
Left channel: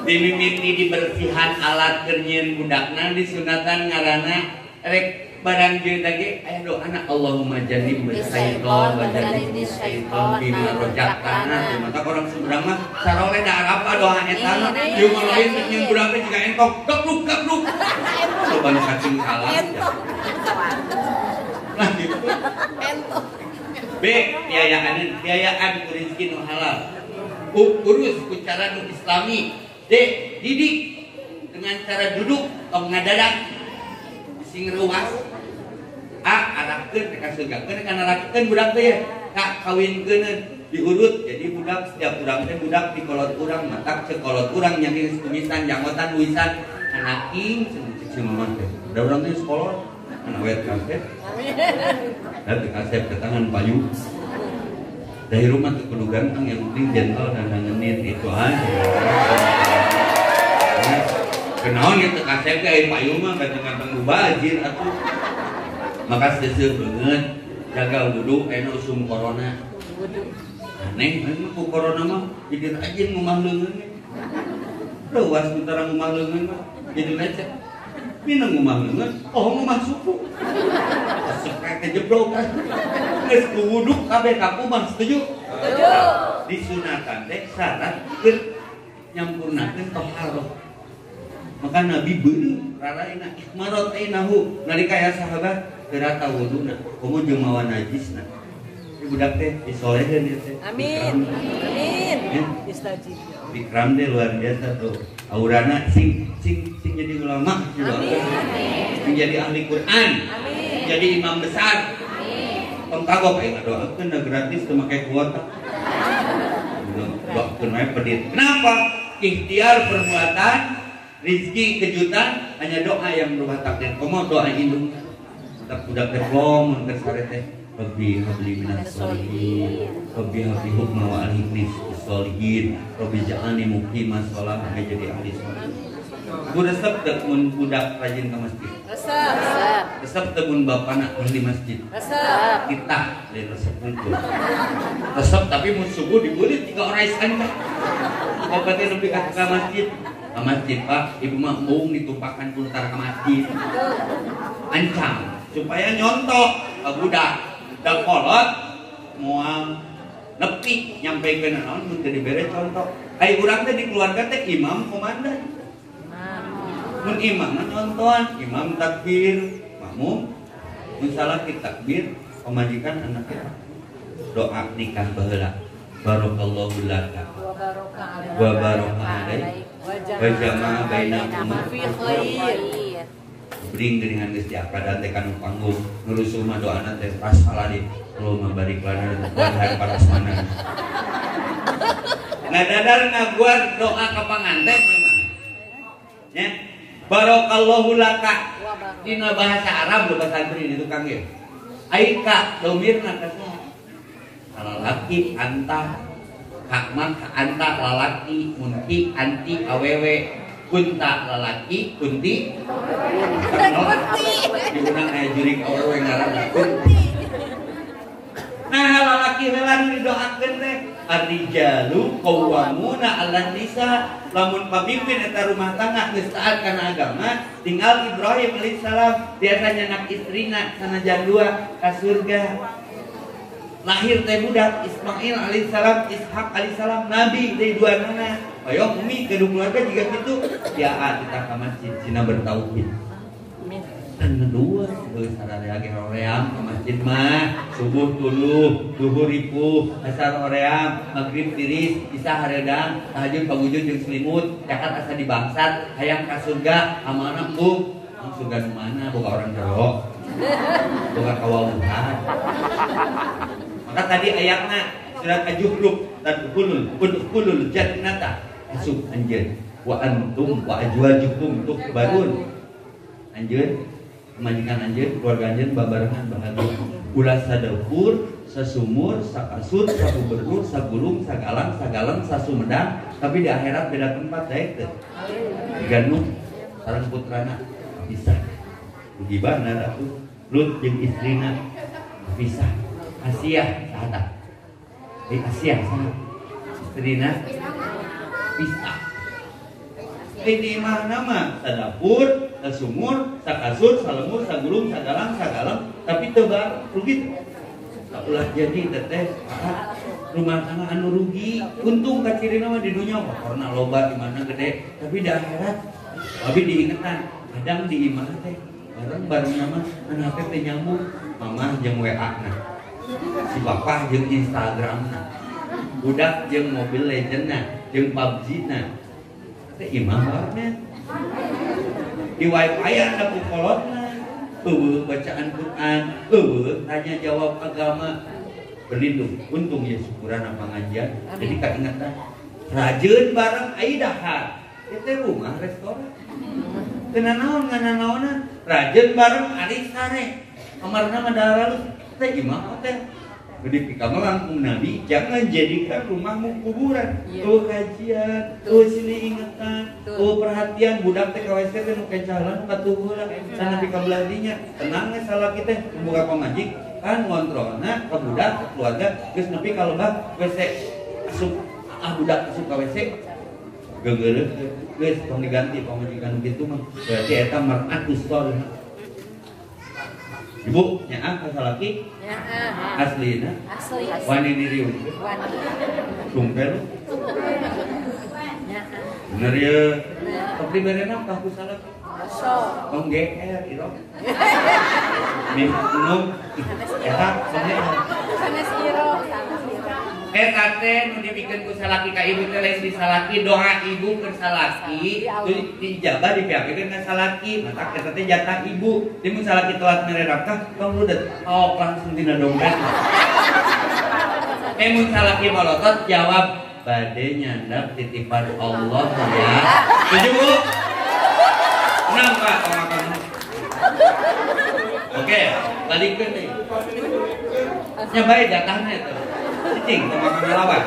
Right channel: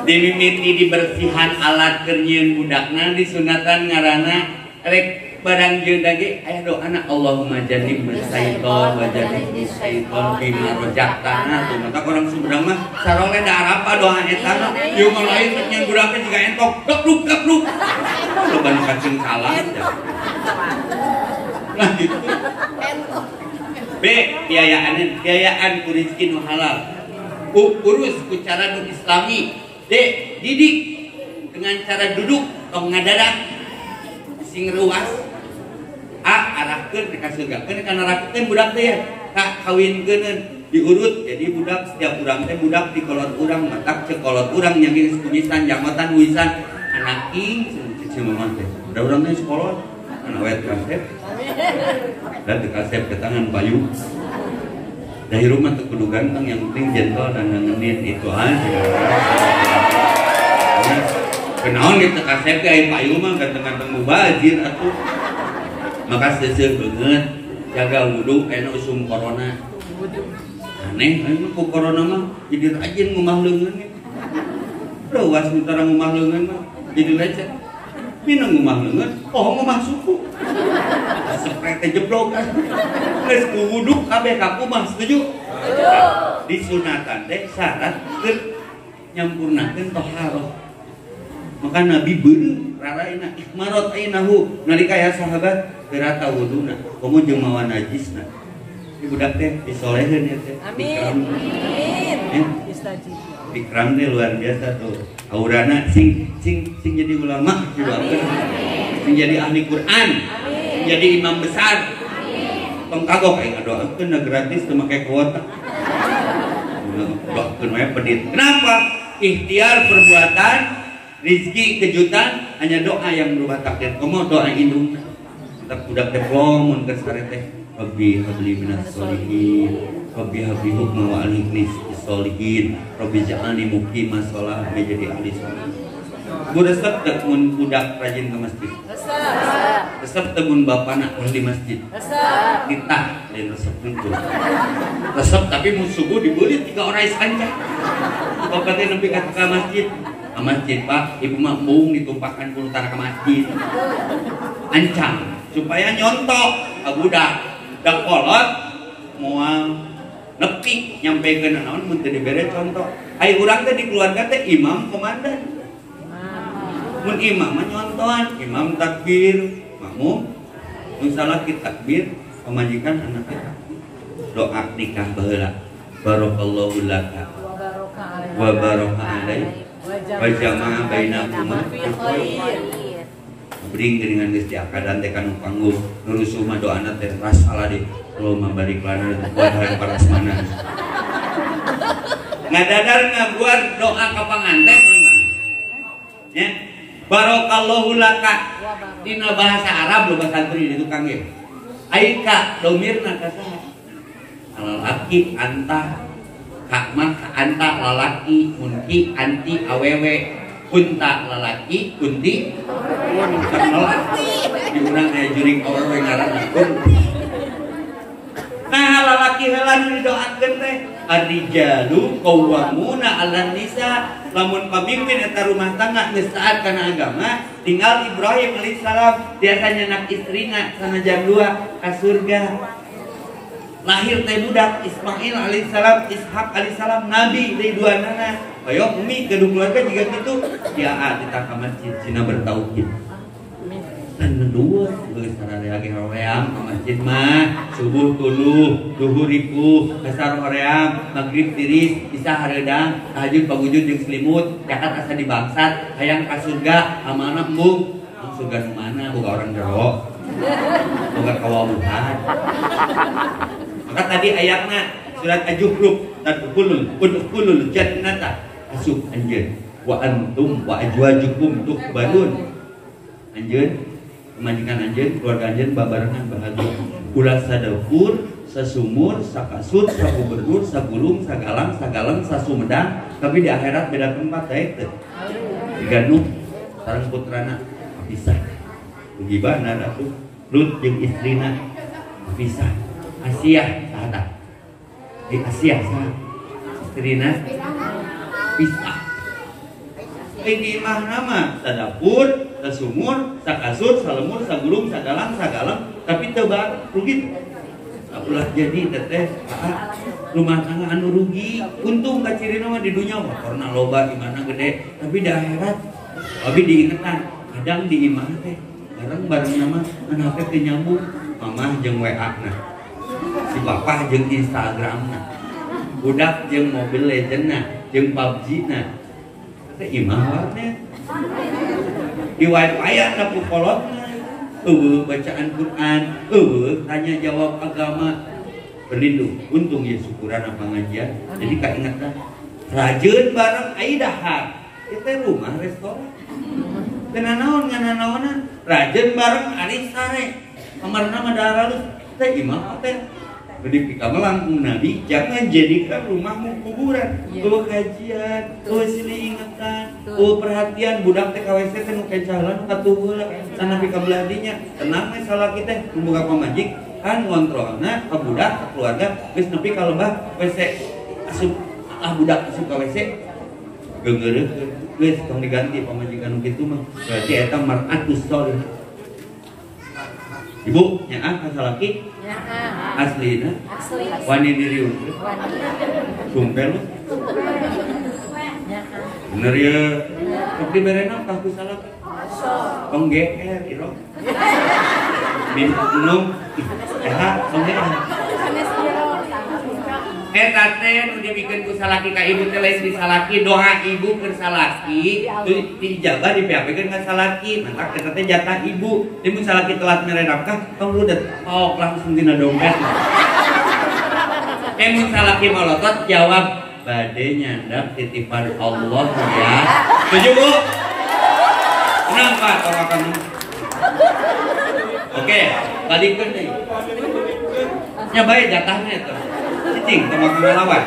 Dimimiti dibersihan alat keur nyieun budakna disunatan ngaranna rek barang jeun ge aya doana Allahumma jannib syaiton wa jannib syaiton bima rojaktana. Maka orang Sumedang mah sarole da arapa doa eta ieu mah lain teh nyeun budak teh jiga entok gapluk. Lu ban cacing salah. Nah gitu. B biayaan ku rezeki nu halal. Urus ku cara nu islami. D didik dengan cara duduk tong ngadadak sing ruas. Arahkeun dikaseugakeun kana rakeun budak teh ka kawinkeun diurut jadi budak setiap urang teh budak di kolot urang matak cek kolot urang nyangin kunyisan jamotan wisan anak king cek mama teh da urang teh sekolot ana wet kasep dan dikasep ke tangan payu dari rumah tuh kudu ganteng yang penting gentle dan ngenin itu aja. Kenaon itu kasep ge aya payu mah ganteng-ganteng mubazir atuh. Maka seseueur beungeut jaga wudu eno usum corona. Aneh anu ku corona mah jadi rajin ngumah leungeun. Leuwas mutara ngumah leungeun mah jadi lecet. Minang ngumah leungeun, ngumah suku. Sepet teh jeblok kan. Geus ku wudu kabeh ka kumaha setuju? Disunatan teh syarat keur nyampurnakeun taharah. Maka Nabi beuneu raraina ikmarat ainahu nalika aya sahabat terata wuduna komo jeung mawa najisna. Di budak teh disoleheun ieu teh. Amin. Ikram teh luar biasa tuh. Aurana sing jadi ulama juga. Sing jadi ahli Quran. Jadi imam besar. tong kagok aing doakeun da gratis teu make kuota. Doakeun we pedit. Kenapa? Ikhtiar perbuatan, rizki kejutan hanya doa yang berubah takdir. Komo doa indung. Budak deplom mun geus sare teh. Rabbi habli minas sholihin. Rabbi habli hukma wa alhiknis sholihin. Rabbi ja'alni muqimas shalah jadi ahli sholih. Resep tegun budak rajin ke masjid. Resep tegun bapana ahli masjid. Kita dan resep itu. Resep tapi mun subuh dibulit 3 orang iskanca. Bapaknya nepi ka masjid. Ke masjid Pak, ibu mah mung ditumpahkan ku utara ke masjid. Ancang supaya nyontok ka budak. Da kolot moal nepi nyampekeun naon mun teu dibere contoh. Ai urang teh di keluarga teh imam komandan. Mun imam nyontohan, imam takbir, makmum misalnya kita takbir, pemajikan anaknya doa nikah baheula. Barakallahu laka wa baraka alaik wa jama'a bainakuma bring dengan geus diakadan teh kana panggung nurusu mah doana teh ras aladi Allahumma barik lana wa paras mana ngadadar ngaguar doa ka panganten ya. Barakallahu laka dina bahasa Arab lo santri di tukang ge. Aika domirna ka saha? Lalaki anta hakma ka anta lalaki munki anti awewe kunta lalaki kunti diunang aya juring awewe ngaranna kunti. Nah lalaki heula nu didoakeun teh ar-rijalu qawwamuna 'alan nisa. Lamun pamimpin eta rumah tangga geus taat kana agama, tinggal Ibrahim alaihissalam biasanya anak istrina sanajan 2 ka surga. Lahir teh budak Ismail alaihissalam, Ishak alaihissalam nabi deui duanana. Hoyong umi kedua keluarga juga kitu, ya kita ka masjid cina bertauhid. Dan kedua, boleh sadari lagi hoream ke masjid mah subuh tuluh, duhur ripuh, dasar hoream, maghrib tiris, isya hareudang, tahajud pagujud jeung selimut, jakat asa dibangsat, hayang ka surga, amanah embung. Surga mana boga orang jero. Boga kawamuhan. Maka tadi ayatna surat Az-Zukhruf tadkhulul jannata asup anjeun wa antum wa ajwajukum tukhbarun. Anjeun majikan anjeun, keluarga anjeun babarengan bahagia. Ulah sadapur, sesumur, sakasut, sakubernur, sagulung, sagalang, sasumedang, tapi di akhirat beda tempat teh teh. Diganung sareng putrana bisa. Gibana atuh Lut jeung istrina bisa. Asia saha? Asia saha? Istrina bisa. Ini mah nama sadapur, sesumur, sakasut, salemur, sagulung, sagalang, tapi tebal rugi. Tak ulah jadi teteh rumah tangga anu rugi. Untung kacirina mah di dunia mah karena loba imana gede, tapi di akhirat tapi diingetan kadang di imah teh bareng mah anak teh nyambung mamah jeung WA-na. Si bapak jeung Instagram-na. Budak jeung Mobile Legends-na, jeung PUBG-na. Teh imah banget. Di wifi ada kolotna. Bacaan Quran, tanya jawab agama, berlindung. Untung ya syukuran apa pengajian. Jadi kaingatan rajin bareng ai dahar. Itu rumah restoran. Kenanaon rajin bareng ari sare. Amarna mah daralus teh imah teh. Jadi pika melangkung Nabi, jangan jadikan rumahmu kuburan. Kajian, sini ingatan, perhatian budak teh KWC teh nu kencalan katuheula, sana pika beladinya. Tenang we salah kita membuka pamajik kan ngontrolna ka budak keluarga geus nepi ka lembah WC asup budak asup ka WC. Geungeureuh geus tong diganti pamajikan kitu mah. Berarti eta mar'atus shalihah. Ibu, nyaah ka salaki? Nyaah. Aslina? Asli. Wani diriu. Sumpel. Bener ya. Tapi berena pas ku salaki. Tong GR iro. Minum. Eta tong GR. Eta teh nu dibikeun ku salaki ka ibu teh lain disalaki, doa ibu keur salaki dijabah dipiapikeun ka salaki. Maka eta teh jatah ibu. Di mun salaki telat mere nafkah, tong rudet paok langsung dina dompet. Mun salaki molotot jawab bade nyandang titipan Allah ya. Setuju Bu? Kenapa sama kamu? Oke, balikkeun deui. Nya bae jatahna eta. Cicing sama ngalawan.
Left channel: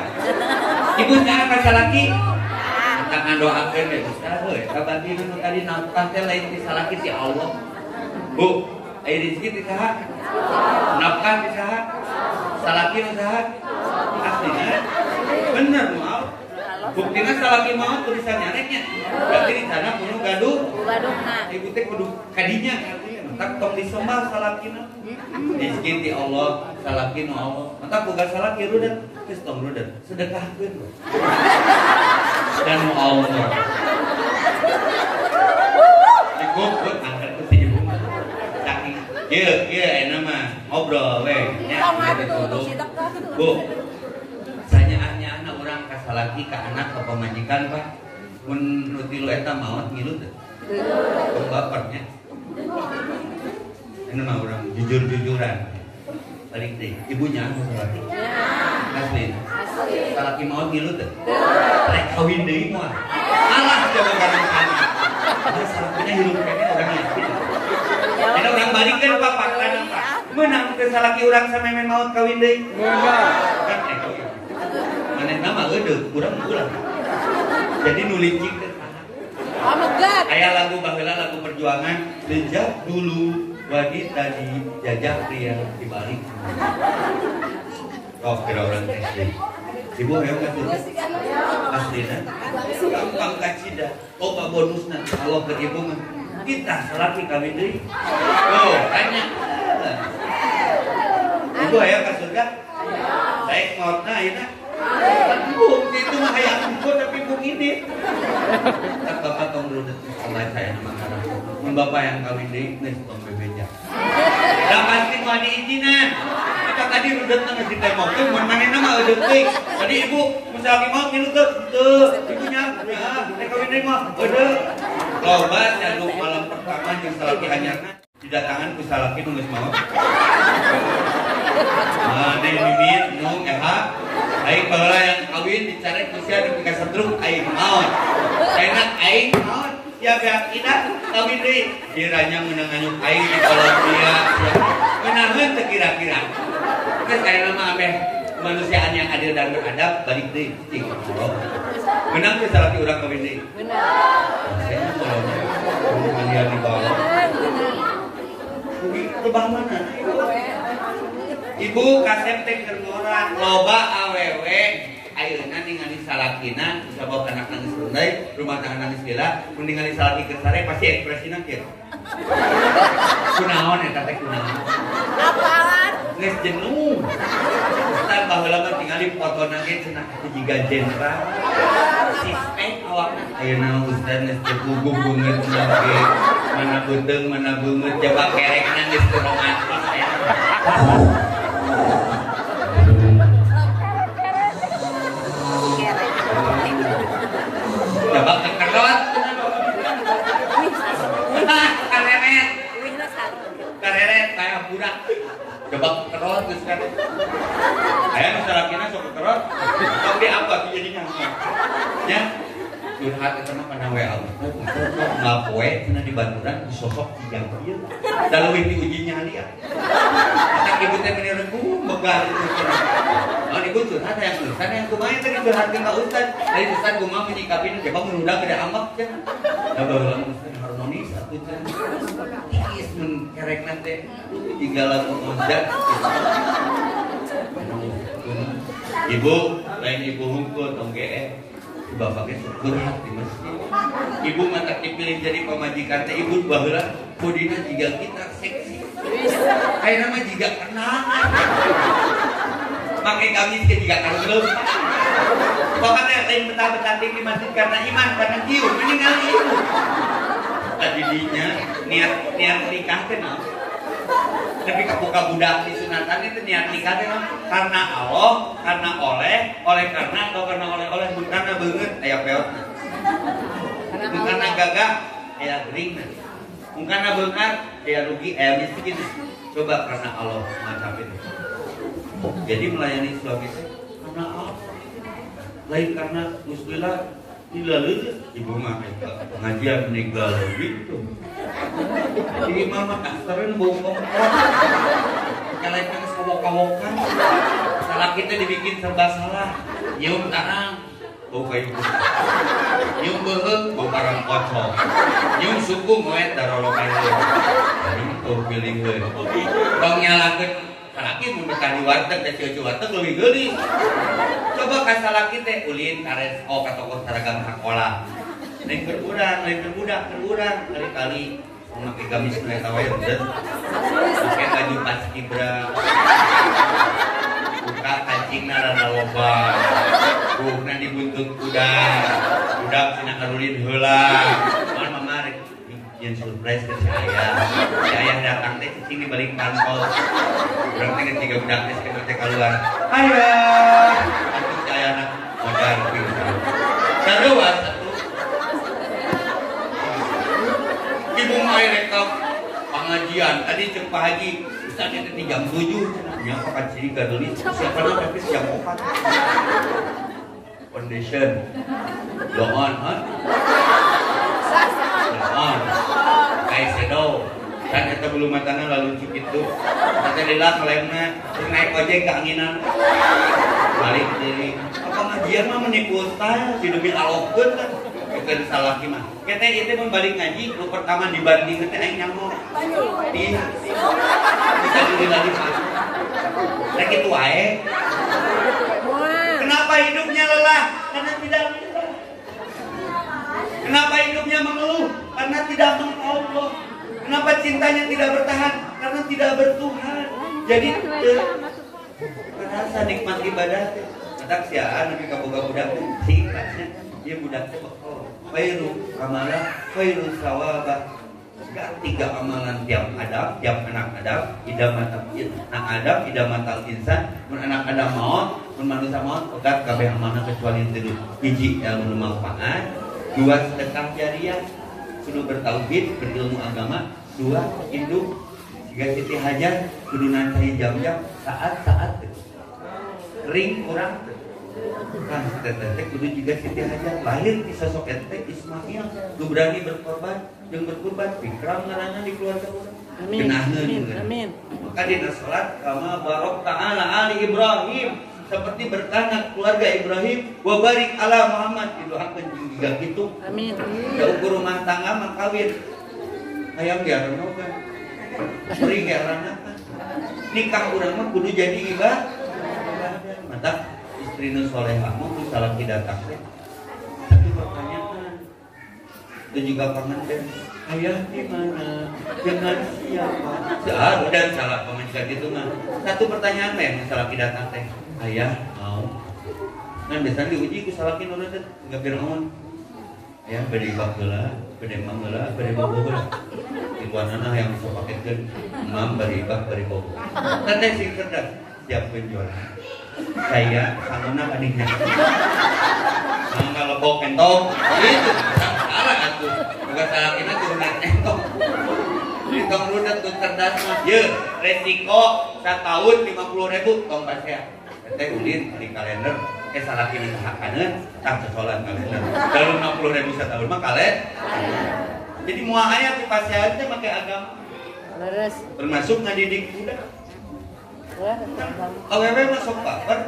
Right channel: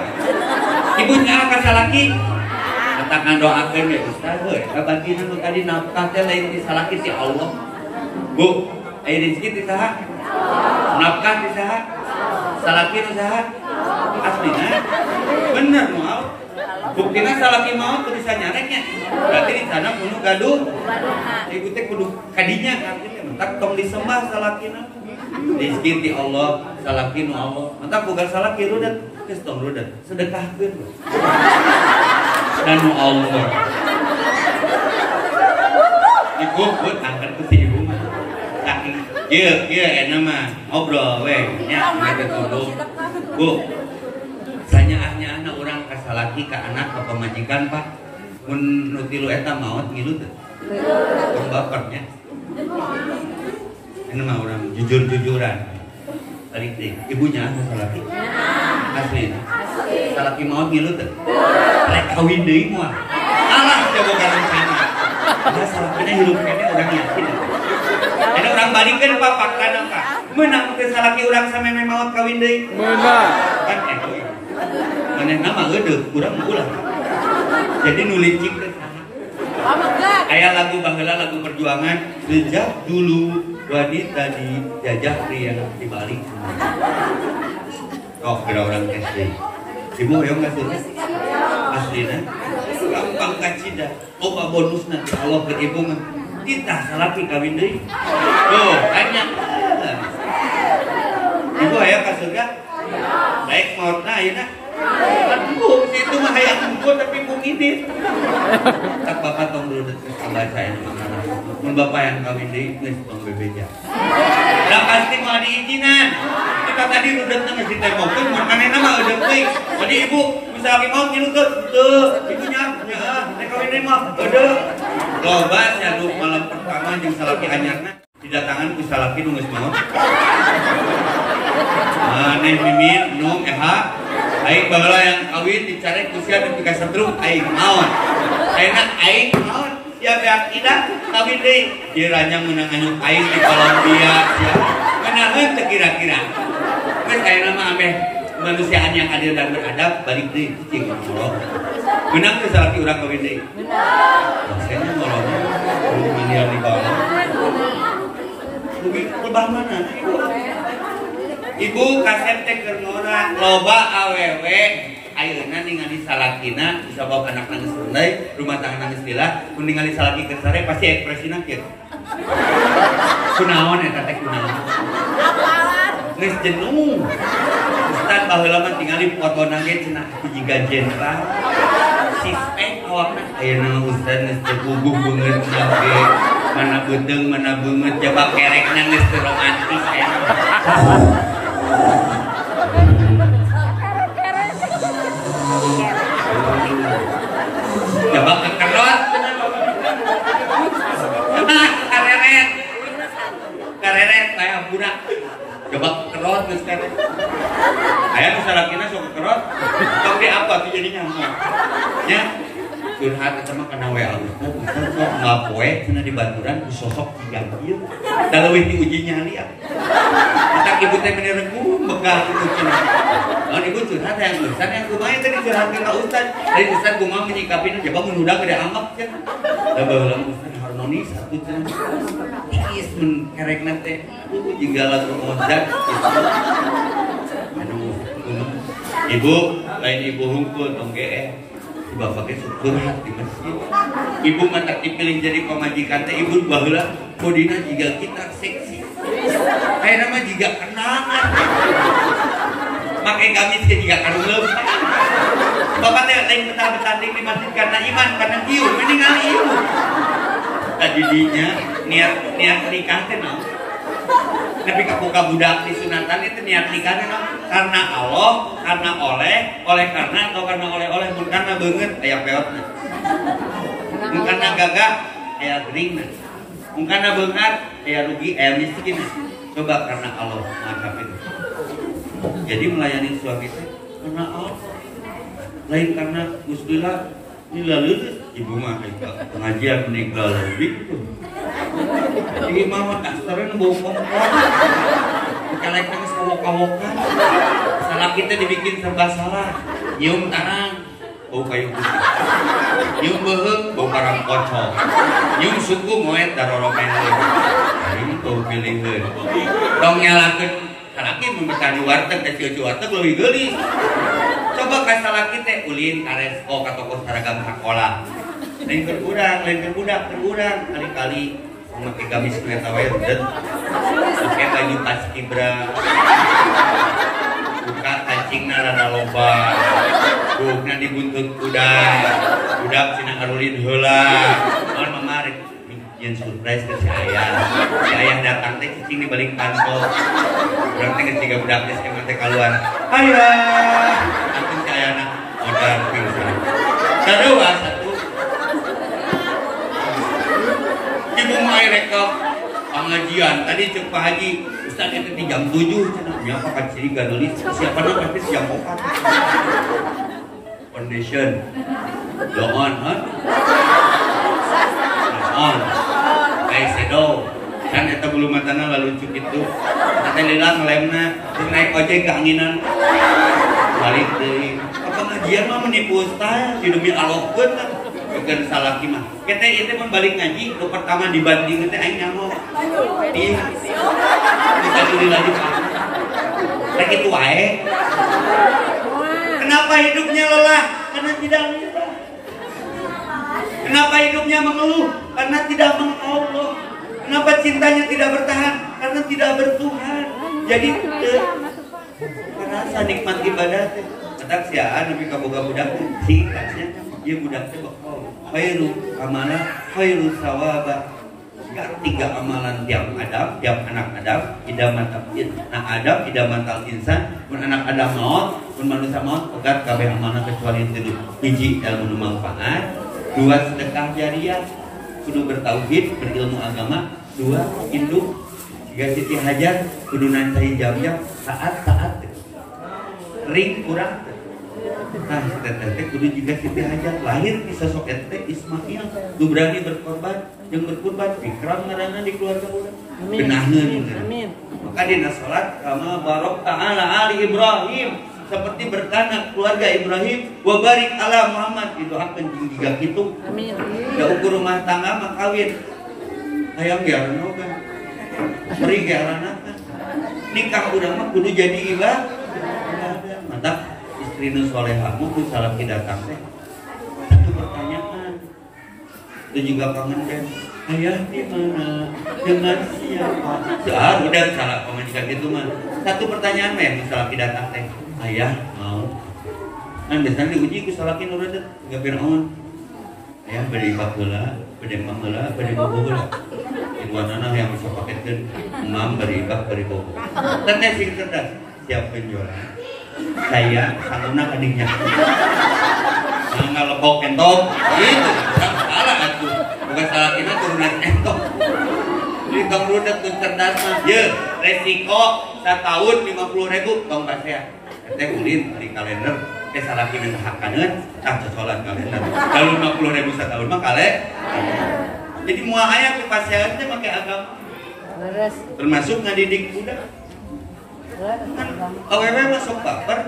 Ibu nya ka salaki eta ngadoakeun we Ustaz we. Kabantina nu tadi nafkah teh lain di salaki ti Allah. Bu, aya rezeki ti saha? Nafkah ti saha? Salaki ti saha? Aslina bener mau. Buktina salaki mau kudu sanyareknya. Berarti di sana kudu gaduh. Ibu teh kudu kadinya artinya mentak tong disembah salakina. Rezeki ti Allah, salaki nu Allah. Maka boga salaki rudet, geus tong rudet, sedekahkeun. Dan nu Allah. Ibu angkat ke si ibu. Saking ieu eta mah ngobrol we nya kita tunduk. Bu, sanyaahnya anak urang ka salaki ka anak ka pamajikan Pak. Mun nu tilu eta maot ngilu teu? Tong bapernya. Ini mah orang jujur-jujuran. Balik deh, ibunya asa salaki? Asli. Salaki mau ngilu teh. Rek kawin deui moal. Alah coba kawin kana. Nah salakina hirup kene urang yakin. Ada orang balikeun papak kana Pak. Meunang teh salaki urang sameme maot kawin deui. Meunang. Kan eta. Manehna mah eudeuk urang ulah. Jadi nulicik teh sana. Aya lagu baheula lagu perjuangan, sejak dulu wanita dijajah pria dibalik. Oh, kira orang SD. Ibu yang nggak suka? Aslina, gampang kacida. Oh, pak bonus nanti Allah ke ibu mah. Kita salaki kawin deui. Oh, tanya. Ibu aya ka surga? Baik mautna ayeuna. Aduh, itu mah aya ampun tapi bung ini. Tak bapak tong rudet ke Allah saya mengarah. Mun bapak yang kawin deui geus tong bebeja. Da pasti mau diizinan. Kita tadi rudetna geus ditemokeun, mun manehna mah eudeuk deui. Tadi ibu misalnya mau ngilu teu, ibunya heeh, teh kawin deui mah eudeuk. Loba nyaduk malam pertama jeung salaki anyarna didatangan ku salaki nu geus maot. Maneh mimin nu eha aing baheula yang kawin dicarek usia di ka setruk aing naon. Ayeuna aing naon? Ya beak tidak kawin deui. Kiranya meunang anyuk aing di Kolombia sia. Meunangeun teu kira-kira. Geus ayeuna mah ameh manusiaan yang adil dan beradab balik deui cing Allah. Meunang teh salaki urang kawin deui. Benar. Saya mah kalau malian di bawah. Rugi ke mana? Ibu kasep teh keur ngora loba awewe ayeuna ningali salakina bisa bawa anak nangis deui rumah tangga nangis lila mun ningali salaki keur sare pasti ekspresina kieu kunaon eta teh kunaon geus jenuh ustaz baheula mah tingali fotona ge cenah jiga jenderal sispek awakna ayeuna ustaz geus jeguguh beungeut ge mana beuteung mana beungeut coba kerekna geus teu romantis ya. Coba kekerot kareret kayak budak coba kekerot terus kan ayah misalnya sok kekerot tapi apa tuh jadinya ya curhat itu mah karena WA sok nggak poe cina di baturan disosok diganti dalam ini uji nyali ya kita ibu teh menirengku begal itu cina kalau ibu curhat yang Ustaz yang lumayan tadi curhat ke Ustaz dari Ustaz gue mau menyikapin coba menunda gede amak ya udah bilang Ustaz harmonis satu cina is menkerek nanti itu juga lagu Ustaz ibu lain ibu hungkul dong si bapaknya curhat di masjid ibu nggak dipilih jadi pemajikan teh ibu baheula kodina juga kita seksi kayak nama juga kenangan pakai gamis ke juga karulem pokoknya lain betah-betanding di masjid karena iman karena kieu meninggal ibu tadinya niat nikah teh naon Tapi kabuka budak di sunatan itu niat nikah karena Allah, karena oleh karena atau karena oleh bukan karena banget aya peotna. Bukan karena gagah aya gering. Bukan karena beungat aya rugi aya miskin. Coba karena Allah mantap itu. Jadi melayani suami itu karena Allah. Lain karena muslilah ini lalu ibu mah pengajian meninggal gitu. Jadi mama tak sering bau kompor. Kalau kita kawok-kawokan, salah kita dibikin serba salah. Nyium tangan, bau kayu putih. Nyium beheng, bau karang kocok. Nyium suku moet darorokan leuh. Ini tuh pilih leuh. Dong nyalakeun salaki membetah di warteg dan cucu warteg leuwih geulis. Coba ka salaki teh ulin ka resto ka toko seragam sekolah. Lain berbudak kali-kali memakai gamis kereta wae udah pakai baju tas kibra buka kancingna rada loba buhna dibuntut kuda budak cina ngarulin heula mohon mama rek yen surprise ke si ayah datang teh cicing di balik kantong urang teh ketiga budak geus teh kaluar ayah itu si ayahna modal pingsan sarua satu ibu mai rekam pengajian tadi cek Pak Haji Ustaz itu 3 jam 7 nya pakat ciri gadelis siapa nama tapi jam 4 foundation doon shadow kan eta bulu matana lalu cuk itu teh lila ngelemna terus naik ojek ke anginan balik deui apa ngajian mah menipu ustaz di demi alokkeun kan bukan salah gimana kita itu pun balik ngaji lu pertama dibanding teh aing nyamuk di kita diri lagi lagi itu wae kenapa hidupnya lelah karena tidak bisa kenapa hidupnya mengeluh karena tidak mengallah kenapa cintanya tidak bertahan karena tidak bertuhan jadi merasa nikmat ibadah teh matak siaan nepi ka boga budak singkatnya dia budaknya bakal khairu amala khairu sawaba gak 3 amalan tiap anak Adam idamal insan mun anak Adam maut mun manusia maut pegat kabeh amanah kecuali 3 hiji ilmu manfaat 2 sedekah jariah kudu bertauhid berilmu agama 2 induk 3 Siti Hajar kudu nanti jam-jam saat-saat ring kurang nah teteh kudu juga Siti Hajar lahir di sosok ente Ismail lu berani berkorban yang berkorban fikram ngaranna di keluarga urang genahna amin maka dina salat kama barok ta'ala ali Ibrahim seperti berkana keluarga Ibrahim wa barik ala Muhammad didoakeun jeung jiga kitu amin da ukur rumah tangga mah kawin hayang gearna kan sering gearna kan nikah urang mah kudu jadi ibadah mantap istri nu solehah mah kudu salaki datang teh satu pertanyaan itu juga pengantin ayah di mana dengan siapa udah salah pengajian gitu mah satu pertanyaan mah yang salaki datang teh ayah mau kan biasanya diuji ku salaki nu reudet enggak biraun ayah bade ibak heula bade mang heula bade bobo heula ibuanana yang bisa paketkeun mam bade ibak bade bobo teteh sing cerdas siap penjual saya saluna kadingnya nggak lebok entok itu salah atuh bukan salah kita turunan entok jadi tong rudet tuh cerdas mah ye resiko setahun 50.000 tong kasih teh ulin di kalender salah kita hakaneun tah cocolan kalender kalau 50.000 setahun mah kale jadi moal aya ku pasieun teh make agama termasuk ngadidik budak awewe masuk baper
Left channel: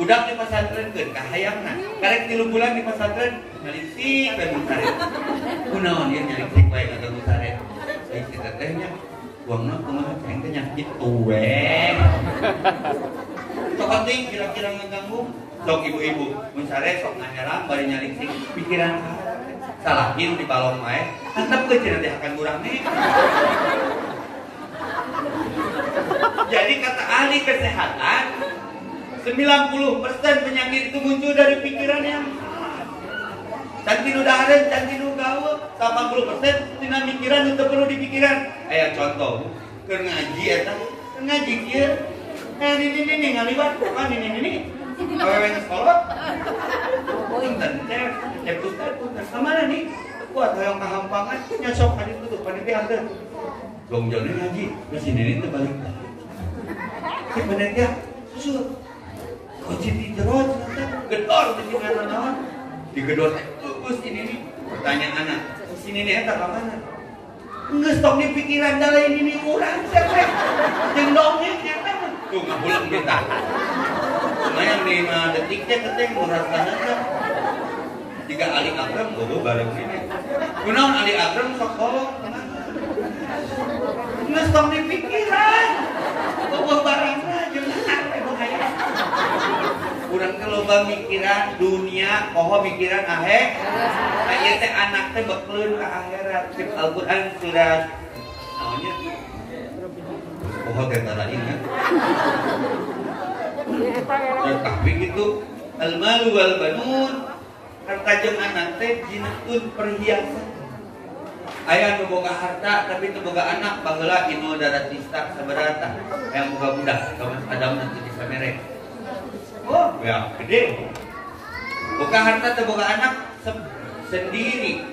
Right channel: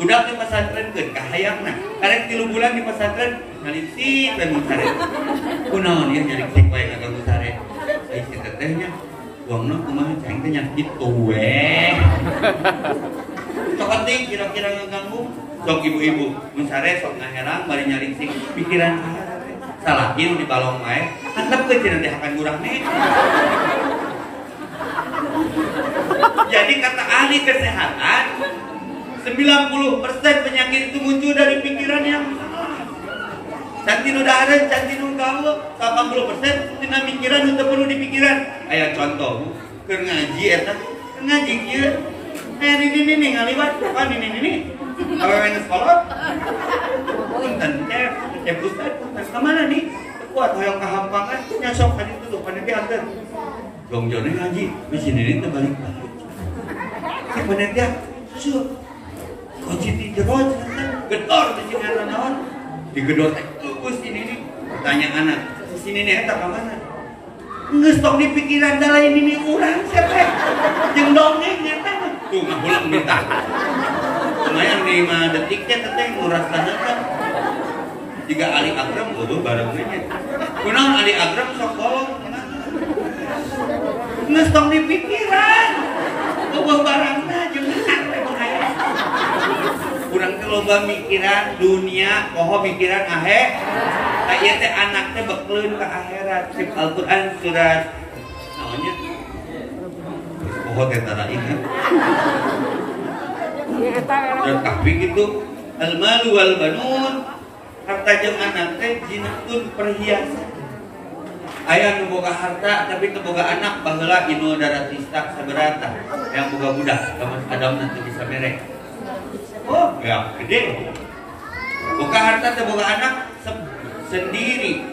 budak di pesantren keun kahayangna karek 3 bulan di pesantren nyalisik we musare kunaon ieu nyalisik bae kagak musare ai si tetehnya uangna kumaha ceng teh nya kitu we cokot teh kira-kira ngaganggu sok ibu-ibu musare sok ngaherang bari nyalisik pikiran salah ieu di balong wae antep teh cenah dihakan urang nih jadi kata ahli kesehatan 90% penyakit itu muncul dari pikiran yang salah. Cantik udah ada, cantik gaul 80% tina pikiran itu perlu dipikiran. Aya contoh keur ngaji eta ngaji kieu ini ngaliwat pan ini awewe geus kolot punten cep ustad punten kamana nih kuat hoyong kahampangan nyosok ka ditu tuh panitia anteun jongjone ngaji mesin ini teh balik si panitia susu kunci di jero gedor di sini naon digedor teh kupus ini nih pertanyaan sini nih eta ka mana geus tok di pikiran da lain ini urang siapa jeung dongeng eta tuh ngahulang minta lumayan 5 detik teh teh ngurasaneun jika Ali Akram eueuh barengnya kunaon Ali Akram sok kolot geus tok di pikiran eueuh barangna jeung asa bahaya urang teh loba mikiran dunia poho mikiran aya teh anak teh bekleun ka akhirat sif Al-Qur'an surat naonnya poho teh tara ingat surat Kahfi gitu al-malu wal banun harta jeung anak teh jinatun perhiasan aya nu boga harta tapi teu boga anak baheula inu daratista saberata yang boga budak kamus Adam nanti bisa merek oh ya gede boga harta teu boga anak sendiri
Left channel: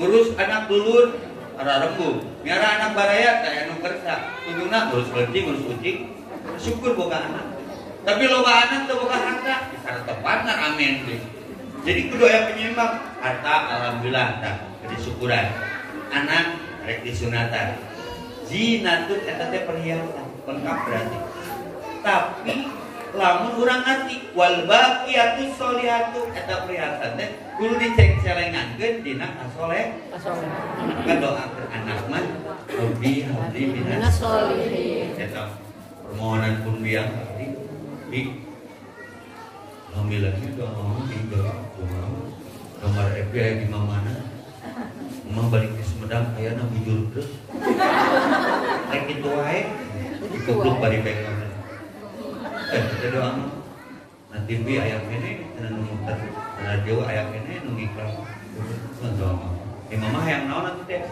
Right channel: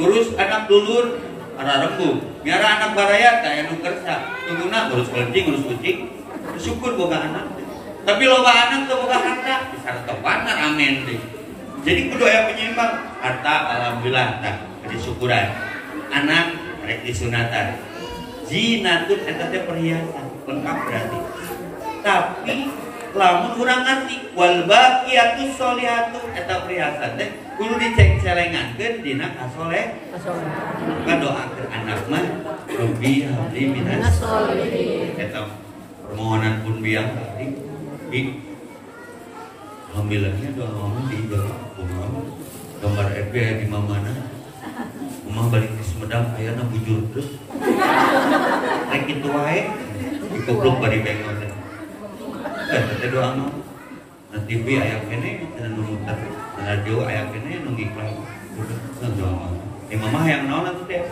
ngurus anak dulur ara rembug miara anak baraya teh anu kersa tungguna ngurus kelenting ngurus kucing syukur boga anak tapi loba anak teu boga harta bisa tepan amin deh jadi kudu aya penyeimbang harta alhamdulillah tah jadi syukuran anak rek disunatan zinatun eta teh perhiasan lengkap berarti tapi lamun urang ngarti wal baqiyatus sholihatu eta perhiasan teh kudu diceng-celengankeun dina kasoleh ngadoakeun anak mah rabbi habli minas sholihin eta permohonan pun biang di alhamdulillahnya doa di gambar FBI di mana Mama balik ke Sumedang ayana bujur terus rek kitu wae dikupluk bari pengen teh doa mah na TV aya kene anu muter radio aya kene nu ngiklan doa mama hayang naon atuh teh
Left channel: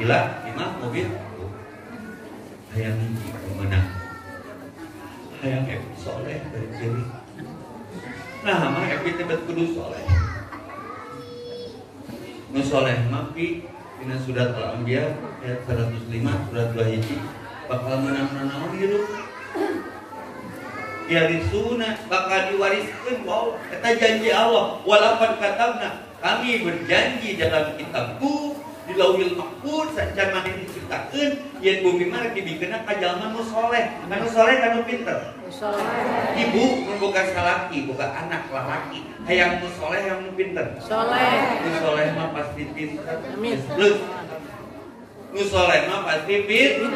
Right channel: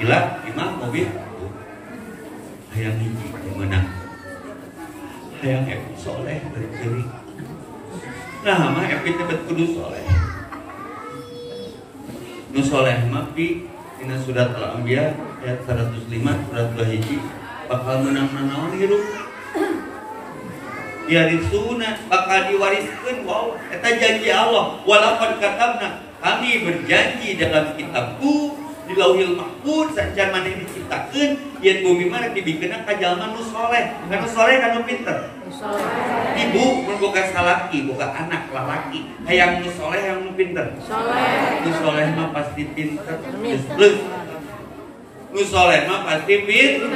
gila imah mobil hayang hiji meunang hayang epi soleh dari nah mah epi teh kudu soleh nu soleh mah pi dina surat Al-Anbiya ayat 105 surat 2 hiji bakal menang naon hirup yarisuna bakal diwariskeun wow eta janji Allah walaqad katabna kami berjanji dalam kitabku di Lauhil Mahfuz sancan maneh diciptakeun yen bumi mah dibikeunna ka jalma nu soleh anu soleh anu pinter ibu mun boga salaki boga anak lalaki hayang nu soleh hayang nu pinter nu soleh mah pasti pinter geus nu soleh mah pasti pinter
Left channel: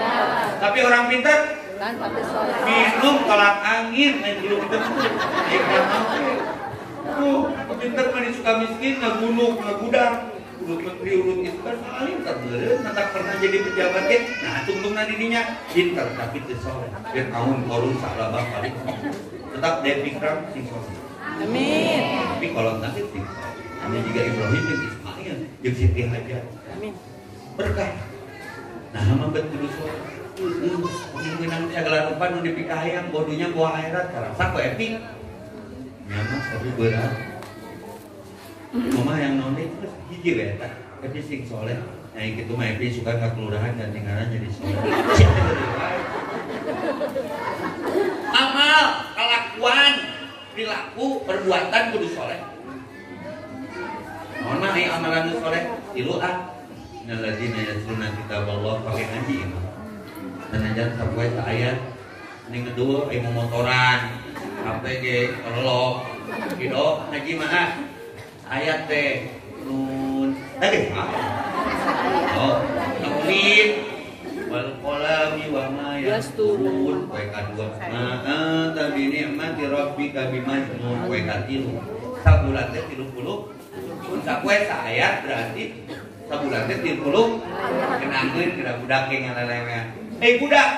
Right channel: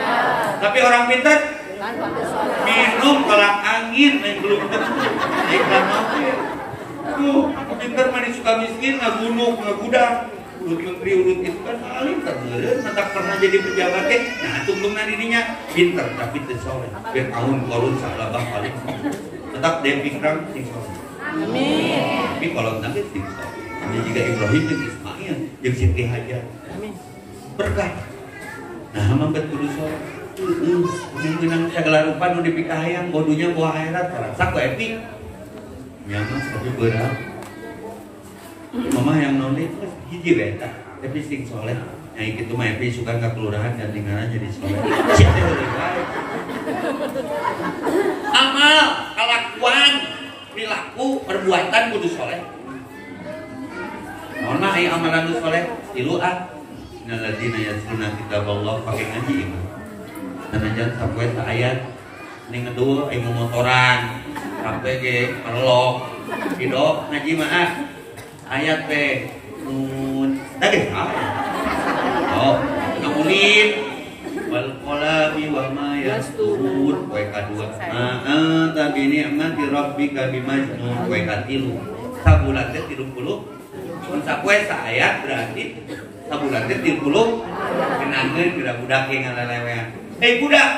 tapi orang pinter minum kolak angin yang belum tentu ikan mau pinter mah suka miskin ngagunuk ngagudak urut menteri urut itu kan alim tergeuleuh mantap pernah jadi pejabat teh nah tungtungna dirinya pinter tapi teu soleh biar kaum korun salabah kali tetap depikram sing soleh amin tapi kalau nanti sing soleh hanya juga Ibrahim jeung Ismail jeung Siti Hajar amin berkah nah mah kudu soleh menang segala rupa nu dipikahayang bodunya buah akhirat terasa ku epi nyaman tapi berat mama yang nonton itu hiji beta tapi sing soleh nah itu mah epi suka nggak kelurahan dan tinggalan jadi soleh amal kelakuan perilaku perbuatan kudu soleh mana ai amalan soleh tilu nalladzina yatluna kitaballah pakai ngaji imam nanajan sampai ke ayat ini ngedul ibu motoran sampai ke perlok gitu ngaji mah ayat teh nun oh nulit wal qalami wa ma yasturun poe kadua tapi nikmati rabbika bimajnun poe katilu sabulan teh 30 mun sapoe saayat berarti sabulan teh 30 kenangeun budak-budak yang ngalelewean hei budak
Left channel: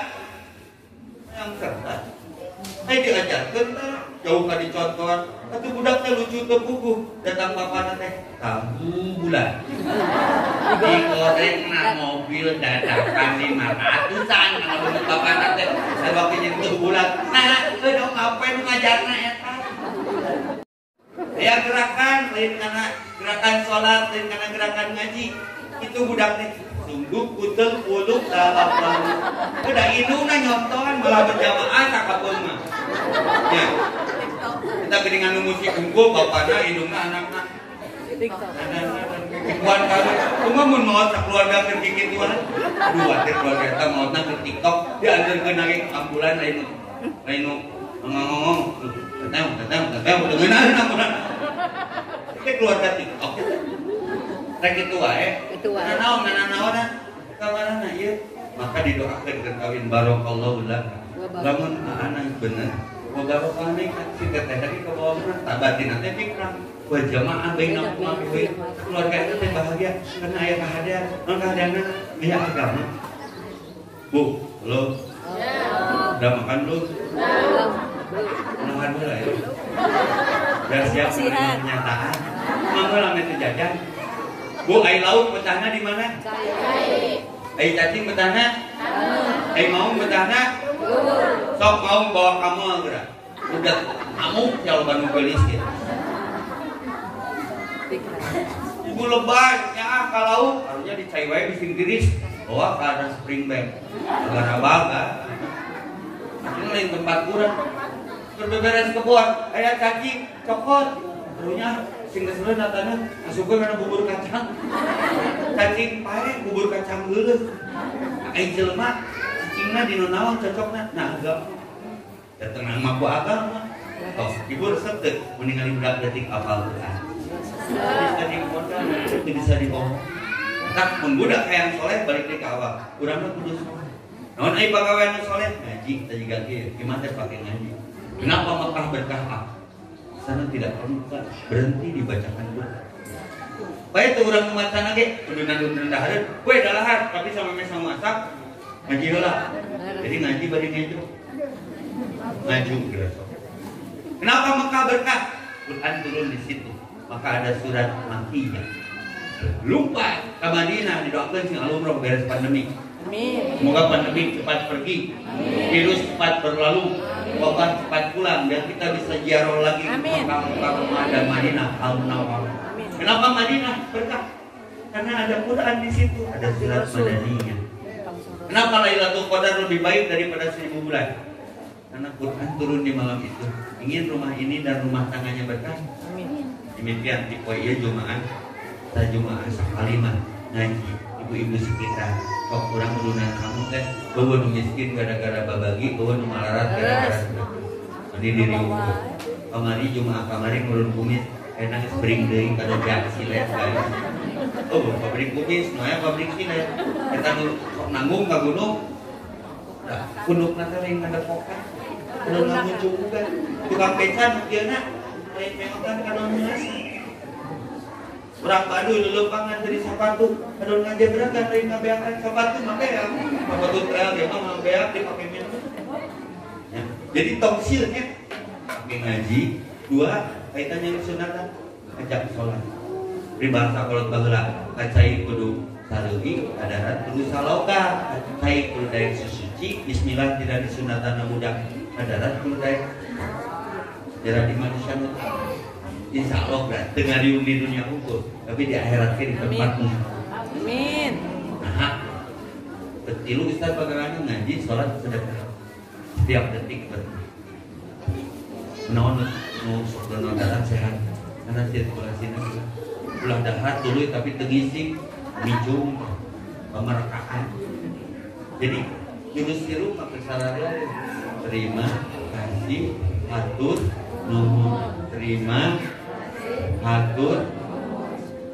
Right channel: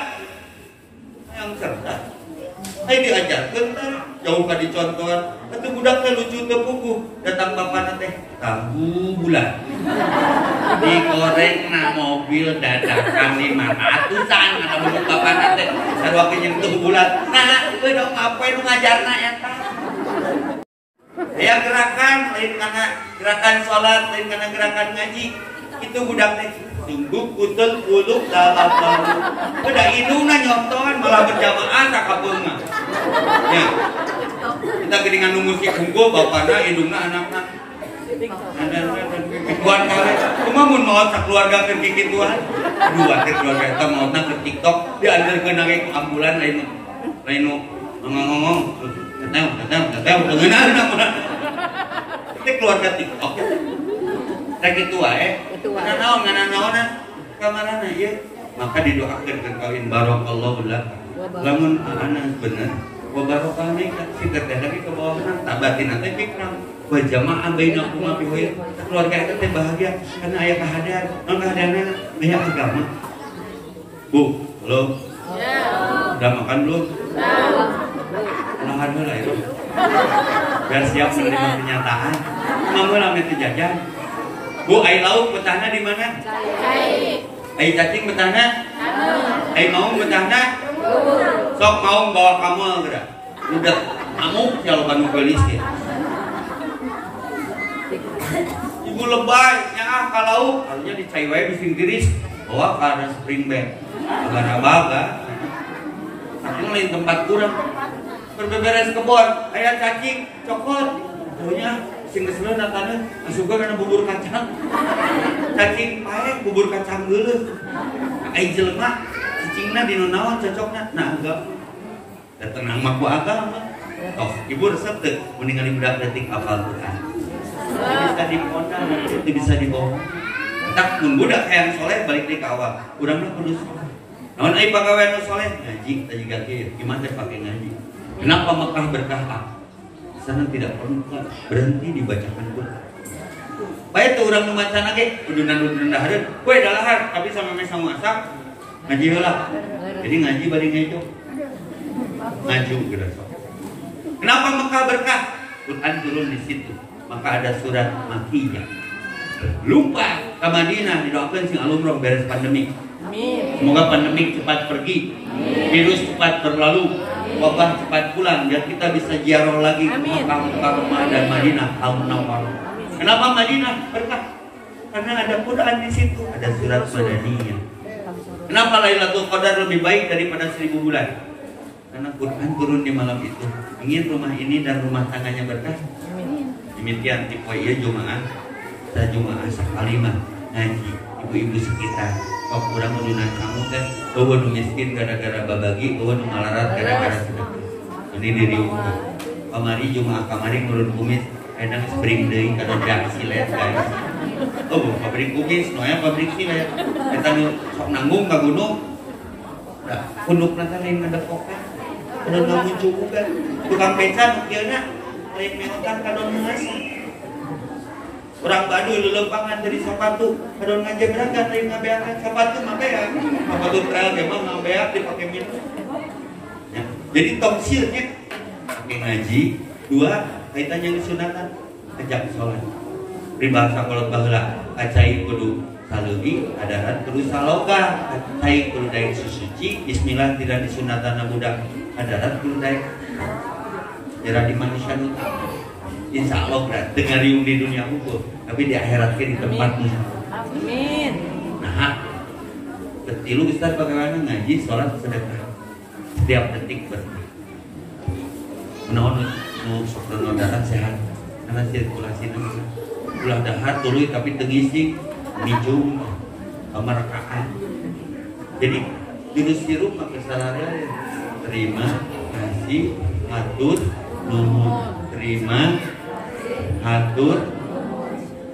yang cerdas Ayo diajarkeun teh jauh ka dicontohan. Atuh budak teh lucu teu puguh, datang bapana teh tahu bulan. Digoreng na mobil dadakan 500-an atuh bapana teh sarua nyentuh bulan. Nah, dong ngapain ngajarna eta? Ya gerakan lain karena gerakan sholat, lain karena gerakan ngaji. Itu budak teh sungguh kutul uluk dalam lalu. Udah indungna nyonton malah berjamaah sakabeungna. Ya. Kita geuningan nu musik hungkul bapana indungna anakna. Kikipuan kali. Cuma mun maot sakeluarga keur kikipuan. Dua teh keluarga eta maotna ke TikTok dianjeurkeun nage ku ambulan lain nu ngomong. Teteh beungeunna. Itu keluarga TikTok. Rek kitu wae. Ngana naon kamarana ieu. Maka didoakeun keur kawin barakallahu lak. Lamun anak bener, barokah nikah si teteh lagi ke bawah menang, tak batin teh fikram. Wa jamaah bainakum fi keluarga itu teh bahagia karena aya kahadian. Mun kahadianna aya agama. Bu, halo. Udah makan belum? Ulangan heula ya. Biar siap menerima kenyataan. Kamu lamun itu jajan. Bu, ai lauk betahna di mana? Ai cacing betahna? Ai maung betahna? Sok maung bawa kamu geura. Udah kamu jalan gelis ya. Ibu lebay nya ka lauk harusnya dicai wae bisin tiris bawa ka spring bed. Baga-baga. Aku lain tempat kurang. Berbeberes kebon, aya cacing, cokot. Punya sing geus natana masukkeun kana bubur kacang. Cacing pae bubur kacang geuleuh. Ai jelema cacingna dinu naon cocokna? Nah, enggak. Datang mah ku agama. Toh, ibu resep teu mun ningali budak leutik hafal Quran. Bisa dipondang, itu bisa dibawa. Tak mun budak hayang soleh balik deui ka awal. Urang mah kudu soleh. Naon ai pagawean soleh? Ngaji tadi gage, gimana teh pake ngaji? Kenapa Mekah berkah? Sana tidak perlu berhenti dibacakan Quran. Baik tuh orang membaca lagi, udah dahareun, kue dalahar, tapi sama mesa masak, ngaji heula. Jadi ngaji bari ngaju. Ngaju geus. Kenapa Mekah berkah? Quran turun di situ. Maka ada surat Makkiyah. Lupa ke Madinah didoakeun sing alumroh beres pandemi. Semoga pandemi cepat pergi, virus cepat berlalu, wabah cepat pulang, dan kita bisa ziarah lagi ke Mekah dan Madinah Al-Munawwarah. Kenapa Madinah berkah? Karena ada Quran di situ, ada surat Madaniyah. Kenapa Lailatul Qadar lebih baik daripada 1000 bulan? Karena Quran turun di malam itu. Ingin rumah ini dan rumah tangganya berkah. Demikian tipe iya Jumaah, kita Jumaah sakalima ngaji, ibu-ibu sekitar. Kok kurang menunan kamu kan? Bawa nu miskin gara-gara babagi, bawa nu malarat gara-gara sedekah. Ini diri ukur. Kamari Jumaah kamari ngurun kumis, kadang spring day kada beak silet guys. Oh, pabrik kumis, noya pabrik silet. Kita sok nanggung ka gunung. Da, gunung nanti lain ada kokak. Kalau nanggung juga, tukang pecan kieuna lain meotan kadon nasi. Orang Baduy lelepangan dari sepatu, kadon ngajebrang kan lain ngabeakan sepatu make ya. Sepatu trail memang ngabeak dipakai minum. Ya, jadi tongsilnya pakai ngaji, dua kaitannya disunatan, ajak sholat. Pribangsa kolot baheula, kacai kudu saleugi, adaran kudu saloka, kacai kudu daek susuci, bismillah tidak disunatan budak, adaran kudu daek tidak di manusia nuta. Insya Allah berat dengar di dunia hukum, tapi di akhirat di tempatmu. Amin. Nah, betilu Ustaz bagaimana ngaji, sholat, sedekah setiap detik berkah. Menawan nu darah sehat, karena sirkulasi nama. Ulah dahar tuluy tapi tengisi, mijung, pemerakaan. Jadi jurus sirup maka sarada terima, kasih, atur, nuhun, terima, hatur,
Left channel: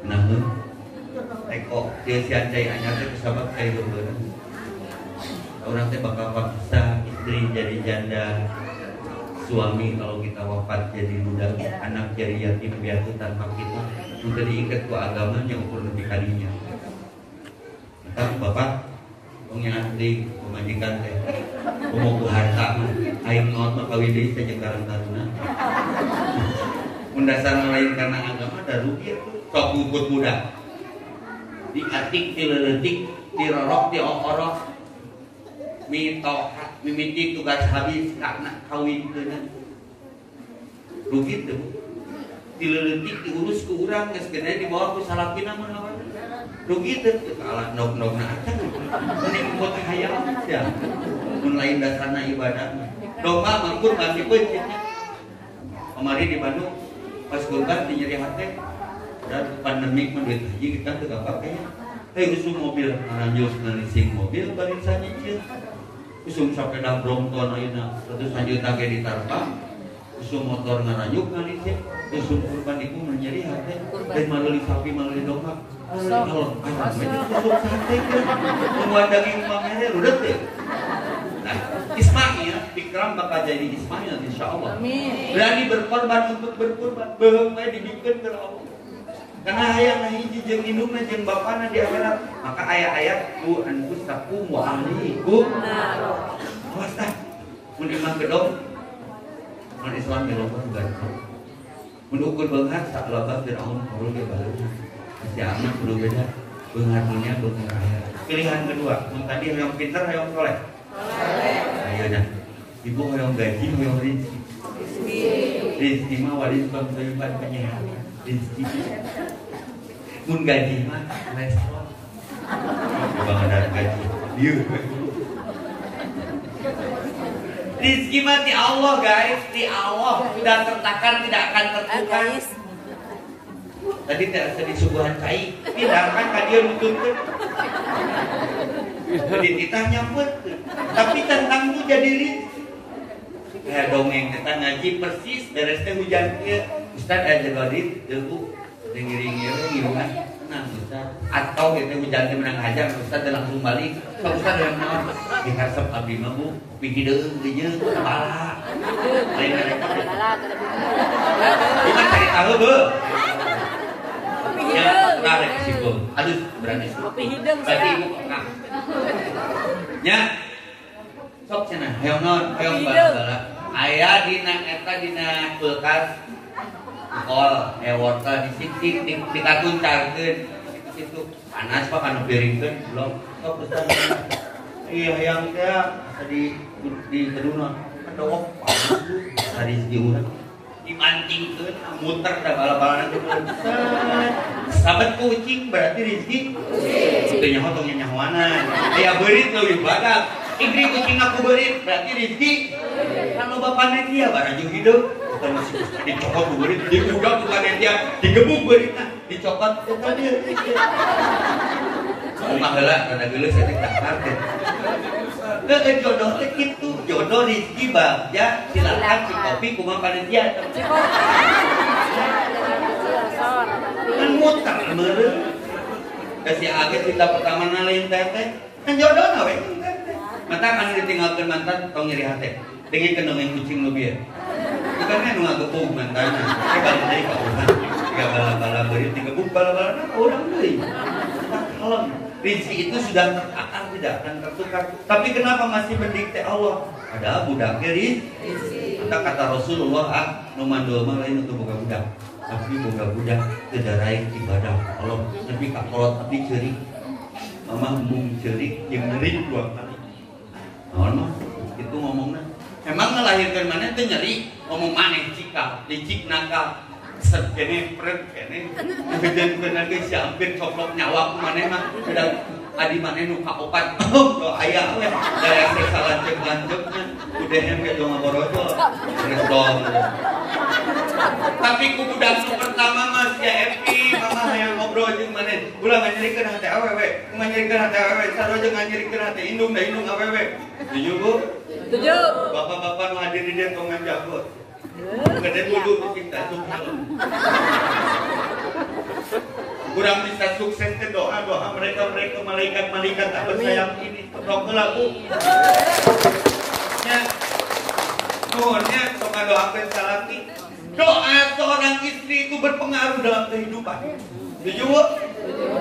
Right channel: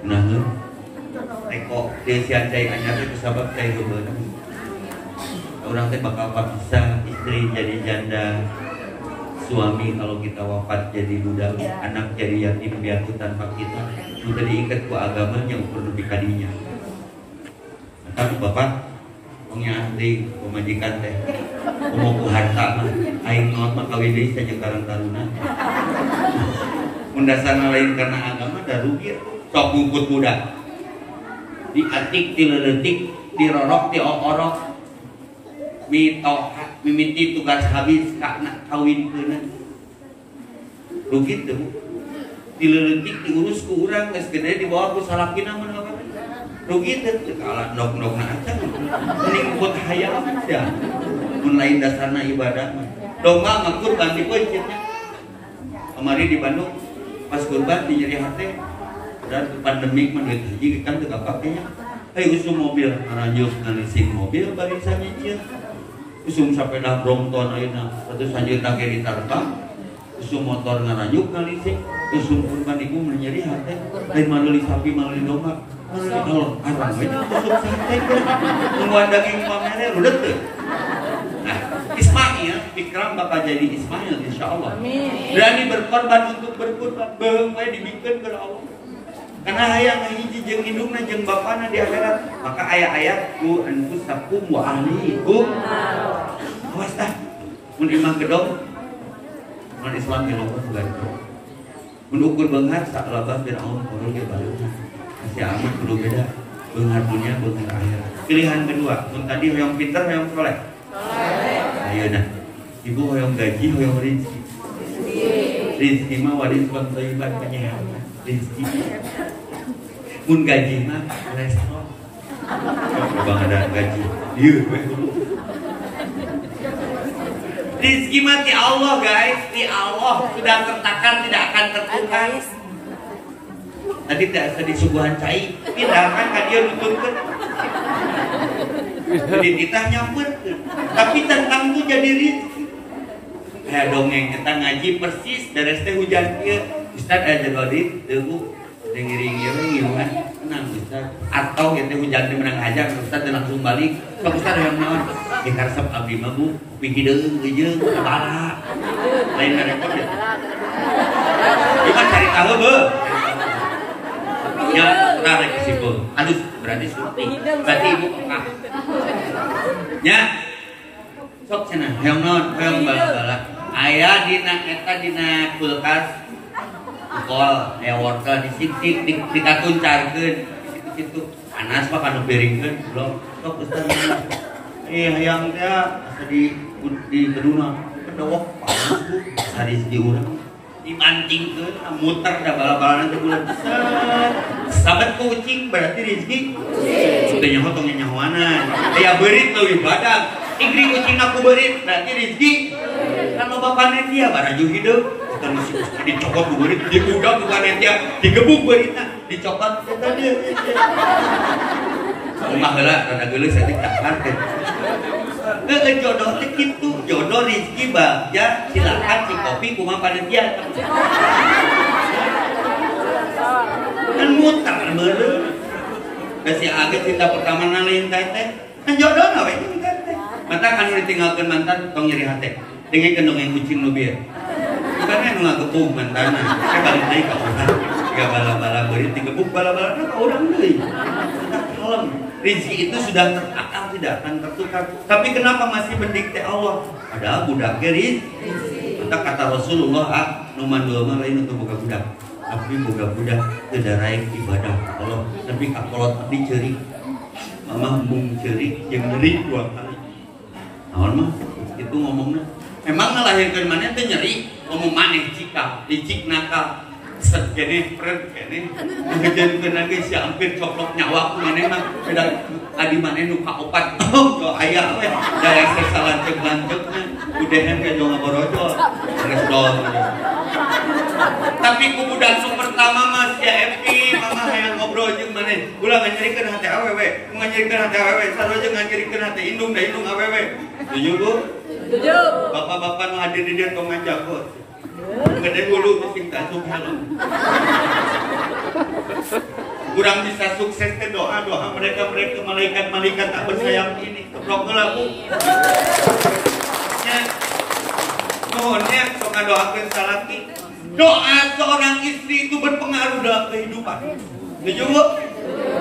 namun eko dia siandai anyar itu sabab saya dulu. Orang teh bakal bisa istri jadi janda, suami kalau kita wafat jadi budak, anak jadi yatim piatu tanpa kita. Sudah diikat ku agamanya ukur lebih kadinya. Maka bapak pengnya ahli pemajikan teh, mau ku harta, aing mau kawin gawe deui saja karang taruna. Mun dasarna lain karena agama da rugi sok ngukut budak. Diatik, dileutik, dirorok, diorok. Mimiti tugas habis karena kawinkeun. Rugi teu. Dileutik diurus ku urang geus gede dibawa ku salakina mah. Rugi teu kalah nok-nokna acan. Mending buat hayal aja. Mun lain dasarna ibadah. Domba mah kurban dipencetnya. Kemarin di Bandung pas kurban di nyeri hati. Dan pandemik mah duit haji kan teu kapakenya. Ayo usum mobil, ngaranjus ngalising mobil barisan nyicil. Usum sepeda Brompton ayeuna, terus anjeun tage ditarpa. Usum motor ngaranjuk ngalising, usum kurban iku nyeri hati. Lain maleli sapi, maleli domba. Maleli arang we usum santai ke. Nungguan daging pamere rudet teh. Nah, Ismail, Fikram bakal jadi Ismail insyaallah. Berani berkorban untuk berkurban, beung we dibikeun ke Allah. Karena hayang hiji jeung indungna jeung bapana di akhirat, maka ayat-ayat ku anfusakum wa ahlikum. Awas tah. Mun imam gedong, mun Islam melongkot bukan. Mun ukur beunghar saklabah Firaun turun ge balik. Si amin kudu beda. Beunghar dunia, beunghar akhirat. Pilihan kedua, mun tadi hoyong pinter, hoyong soleh. Ayeuna. Ibu hoyong gaji, hoyong rezeki. Rezeki mah waris pangteuiban penyehat. Rezeki mun gaji mah kolesterol bang ada gaji ieu rezeki mah di Allah guys, di Allah sudah tertakar tidak akan tertukar. Tadi tidak disuguhan cai pindahkan ka dieu nuturkeun jadi kita nyambut tapi tentang itu jadi rezeki kayak dongeng kita ngaji persis beres teh hujan kieu Ustaz aja badit teu dengiring ieu ngiluan tenang Ustaz atau kita hujan teh menang aja Ustaz langsung balik sok Ustaz yang naon dikarsep abdi mah Bu bikideung geujeung sabaraha lain repot ya cari tahu be ya tenang rek simpul aduh berarti syuting berarti ibu kakak nya sok cenah hayang naon hayang bala-bala aya dina eta dina kulkas kol aya wortel disik-sik dikatuncarkeun kitu panas mah kana piringkeun belum sok Ustaz hayang teh di gedungna kedok panas Bu dari segi urang dimancingkeun muter da bala-balana teh bulan sabet kucing berarti rezeki teu nyaho tong nyahoana aya beurit leuwih badag igri kucing aku beurit berarti rezeki kan loba panitia baraju hidup terus dicokot ku beurit dibudak ku panitia digebuk beuritna dicokot eta dia Rumah heula rada geuleuh saya takar teh teu jodoh teh kitu jodoh rezeki bagja silakan si kopi kumaha panitia kan mutar meureun kasi age cinta pertama ngalain ka teh kan jodohna we mata kan ditinggalkeun mantan tong nyeri hate dengikeun dongeng kucing leuwih bukan anu ngagepug mantanna balik deui ka urang tiga bala-bala beurit digebuk bala-balana ka urang deui kalem rezeki itu sudah tertakar tidak akan tertukar tapi kenapa masih mendikte Allah padahal budak rezeki kata Rasulullah nu mandul mah lain untuk boga budak tapi boga budak teu daraek ibadah Allah tapi kakolot abdi ceurik mama mung ceurik jeung nyeri dua kali naon mah itu ngomongna emang ngelahirkeun maneh teh nyeri ngomong maneh cika licik nakal jadi friend kene ngejengkeun lagi si hampir coplok nyawa ku maneh mah beda adi maneh nu kaopat to aya we daerah salanceuk-lanceukna UDM ge dong ngorojo geus dol tapi ku budak nu pertama mah si FP mama hayang ngobrol jeung maneh ulah nganyerikeun hate awewe nganyerikeun hate awewe sarojo nganyerikeun hate indung da indung awewe setuju Bu setuju bapak-bapak nu hadir di dieu tong ngajago gede dulu sing tak helm kurang bisa sukses ke doa mereka malaikat tak bersayap ini keprok heula Bu nya nuhunnya sok ngadoakeun salaki doa seorang istri itu berpengaruh dalam kehidupan setuju Bu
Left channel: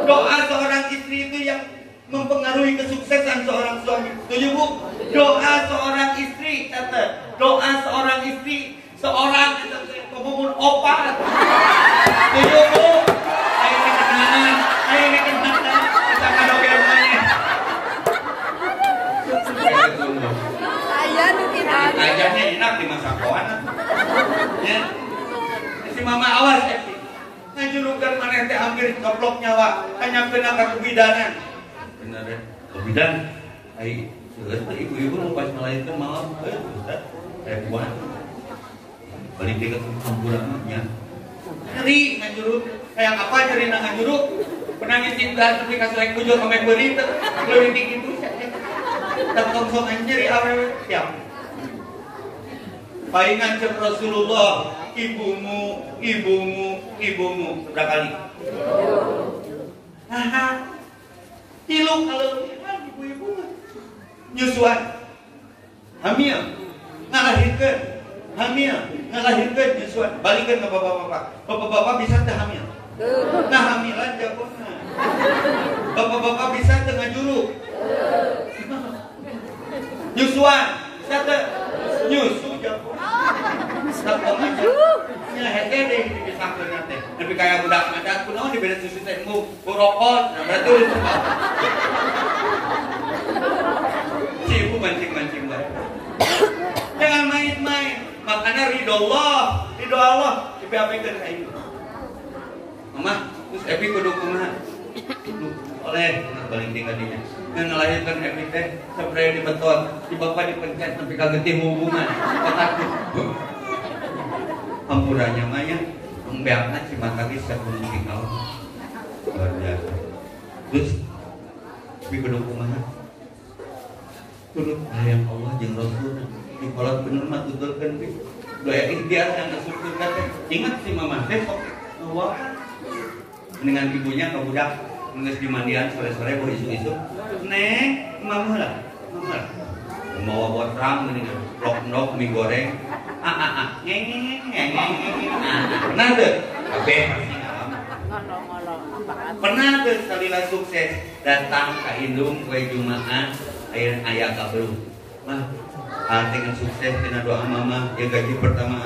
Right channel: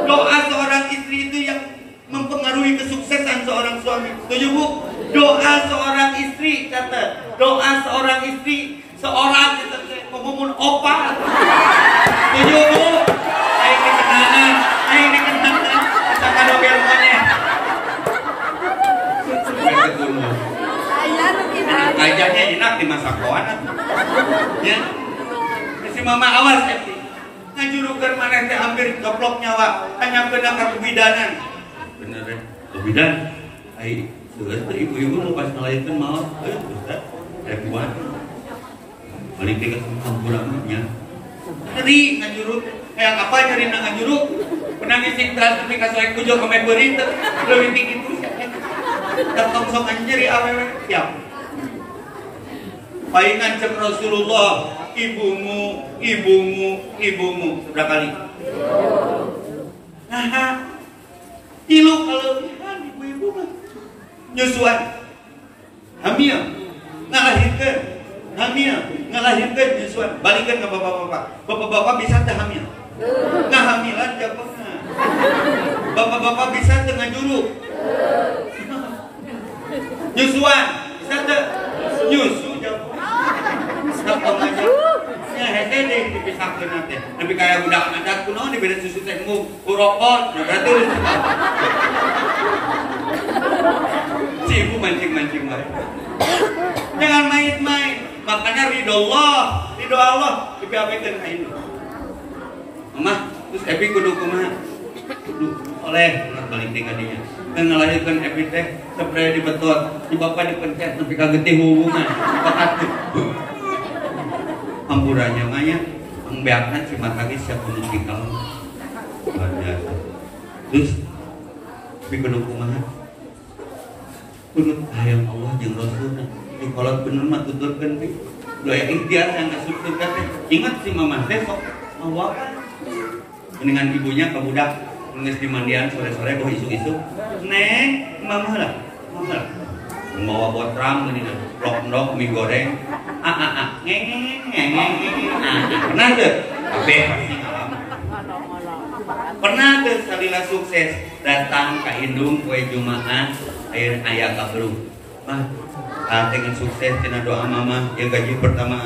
doa seorang istri itu yang mempengaruhi kesuksesan seorang suami setuju Bu doa seorang istri kata doa seorang istri seorang kita ngomong opa. Tujuh bu, ini kenangan, kita kado biarkannya. Kajahnya enak di masa kawan. Ya, si mama awas ya. Ngajurukan mana teh hampir coplok nyawa, hanya kena kebidanan. Bener ya, kebidan. Ai, sudah tuh ibu-ibu nu pas melahirkan malam, Ustaz, saya buat. Balik ke kampurannya. Tadi ngajuruk, kayak apa jadi ngajuruk? Penangis sing transfer ka selek kujo ka meberit, leuwih tinggi itu. Datang sok anjir awewe siap. Paingan cem Rasulullah, ibumu. Berapa kali? Nah, tilu kalau ibu-ibu nyusuan, hamil, ngalahirkan nyusuan, balikan ke bapak-bapak. Bapak-bapak bisa teh hamil, hamilan jauh pernah. Bapak-bapak bisa tengah juruk, nyusuan, bisa teh nyusu jauh. Datang aja. Ya hete deh dipisahkeun teh. Lebih kayak budak adat kunaon dibeda susu teh urokot. Nah berarti si ibu mancing-mancing bae. Jangan main-main. Makanya ridho Allah dipiapikeun ka induk. Mama, terus Epi kudu kumaha? Kudu oleh anak balik teh ka dinya. Dan ngelahirkan Epi teh spray dibetot, di bapak dipencet nepi ka getih hubungan. Takut. Ampurannya manya membiarkan si matagi siap menikah luar biasa. Terus di kedukungannya turut sayang Allah jeung Rasulna di kolot bener mah tuturkeun pi doa ikhtiar yang ngasupkeun ka teh. Ingat si mamah teh sok Allah dengan ibunya ka budak geus di mandian sore-sore bawa isu-isu neng mamah lah membawa botrang ini rok mie goreng pernah tuh pernah tuh salila sukses datang ke indung kue Jumaat air ayah kabelu dengan sukses tina doa mama ya gaji pertama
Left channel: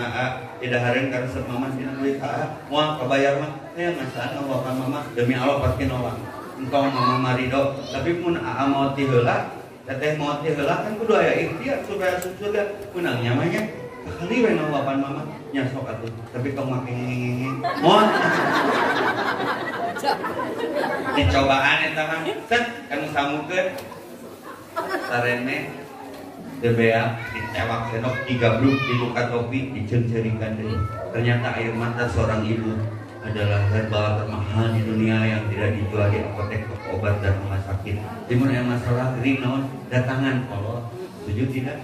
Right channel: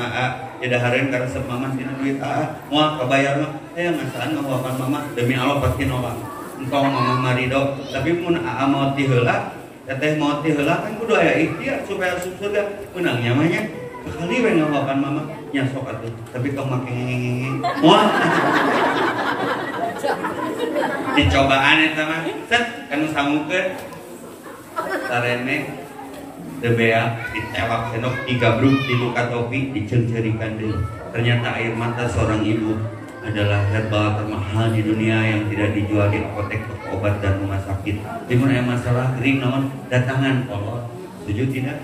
ya dahareun ka resep mama tina duit moal kabayar mah teh ngasaan ngawakan mama demi Allah pasti nolak engkau mama marido tapi mun mau ti heula teteh mau ti heula kan kudu aya ikhtiar supaya surga menang nyamanya sekali we ngawakan mama nya sok atuh tapi tong make ngenge moal dicobaan eta mah set anu samukeun sarene debea dicewak sendok digabruk dibuka topi diceng-cerikan deui ternyata air mata seorang ibu adalah herbal termahal di dunia yang tidak dijual di apotek, toko obat dan rumah sakit. Timun yang masalah kering namun datangan kolot. Setuju tidak?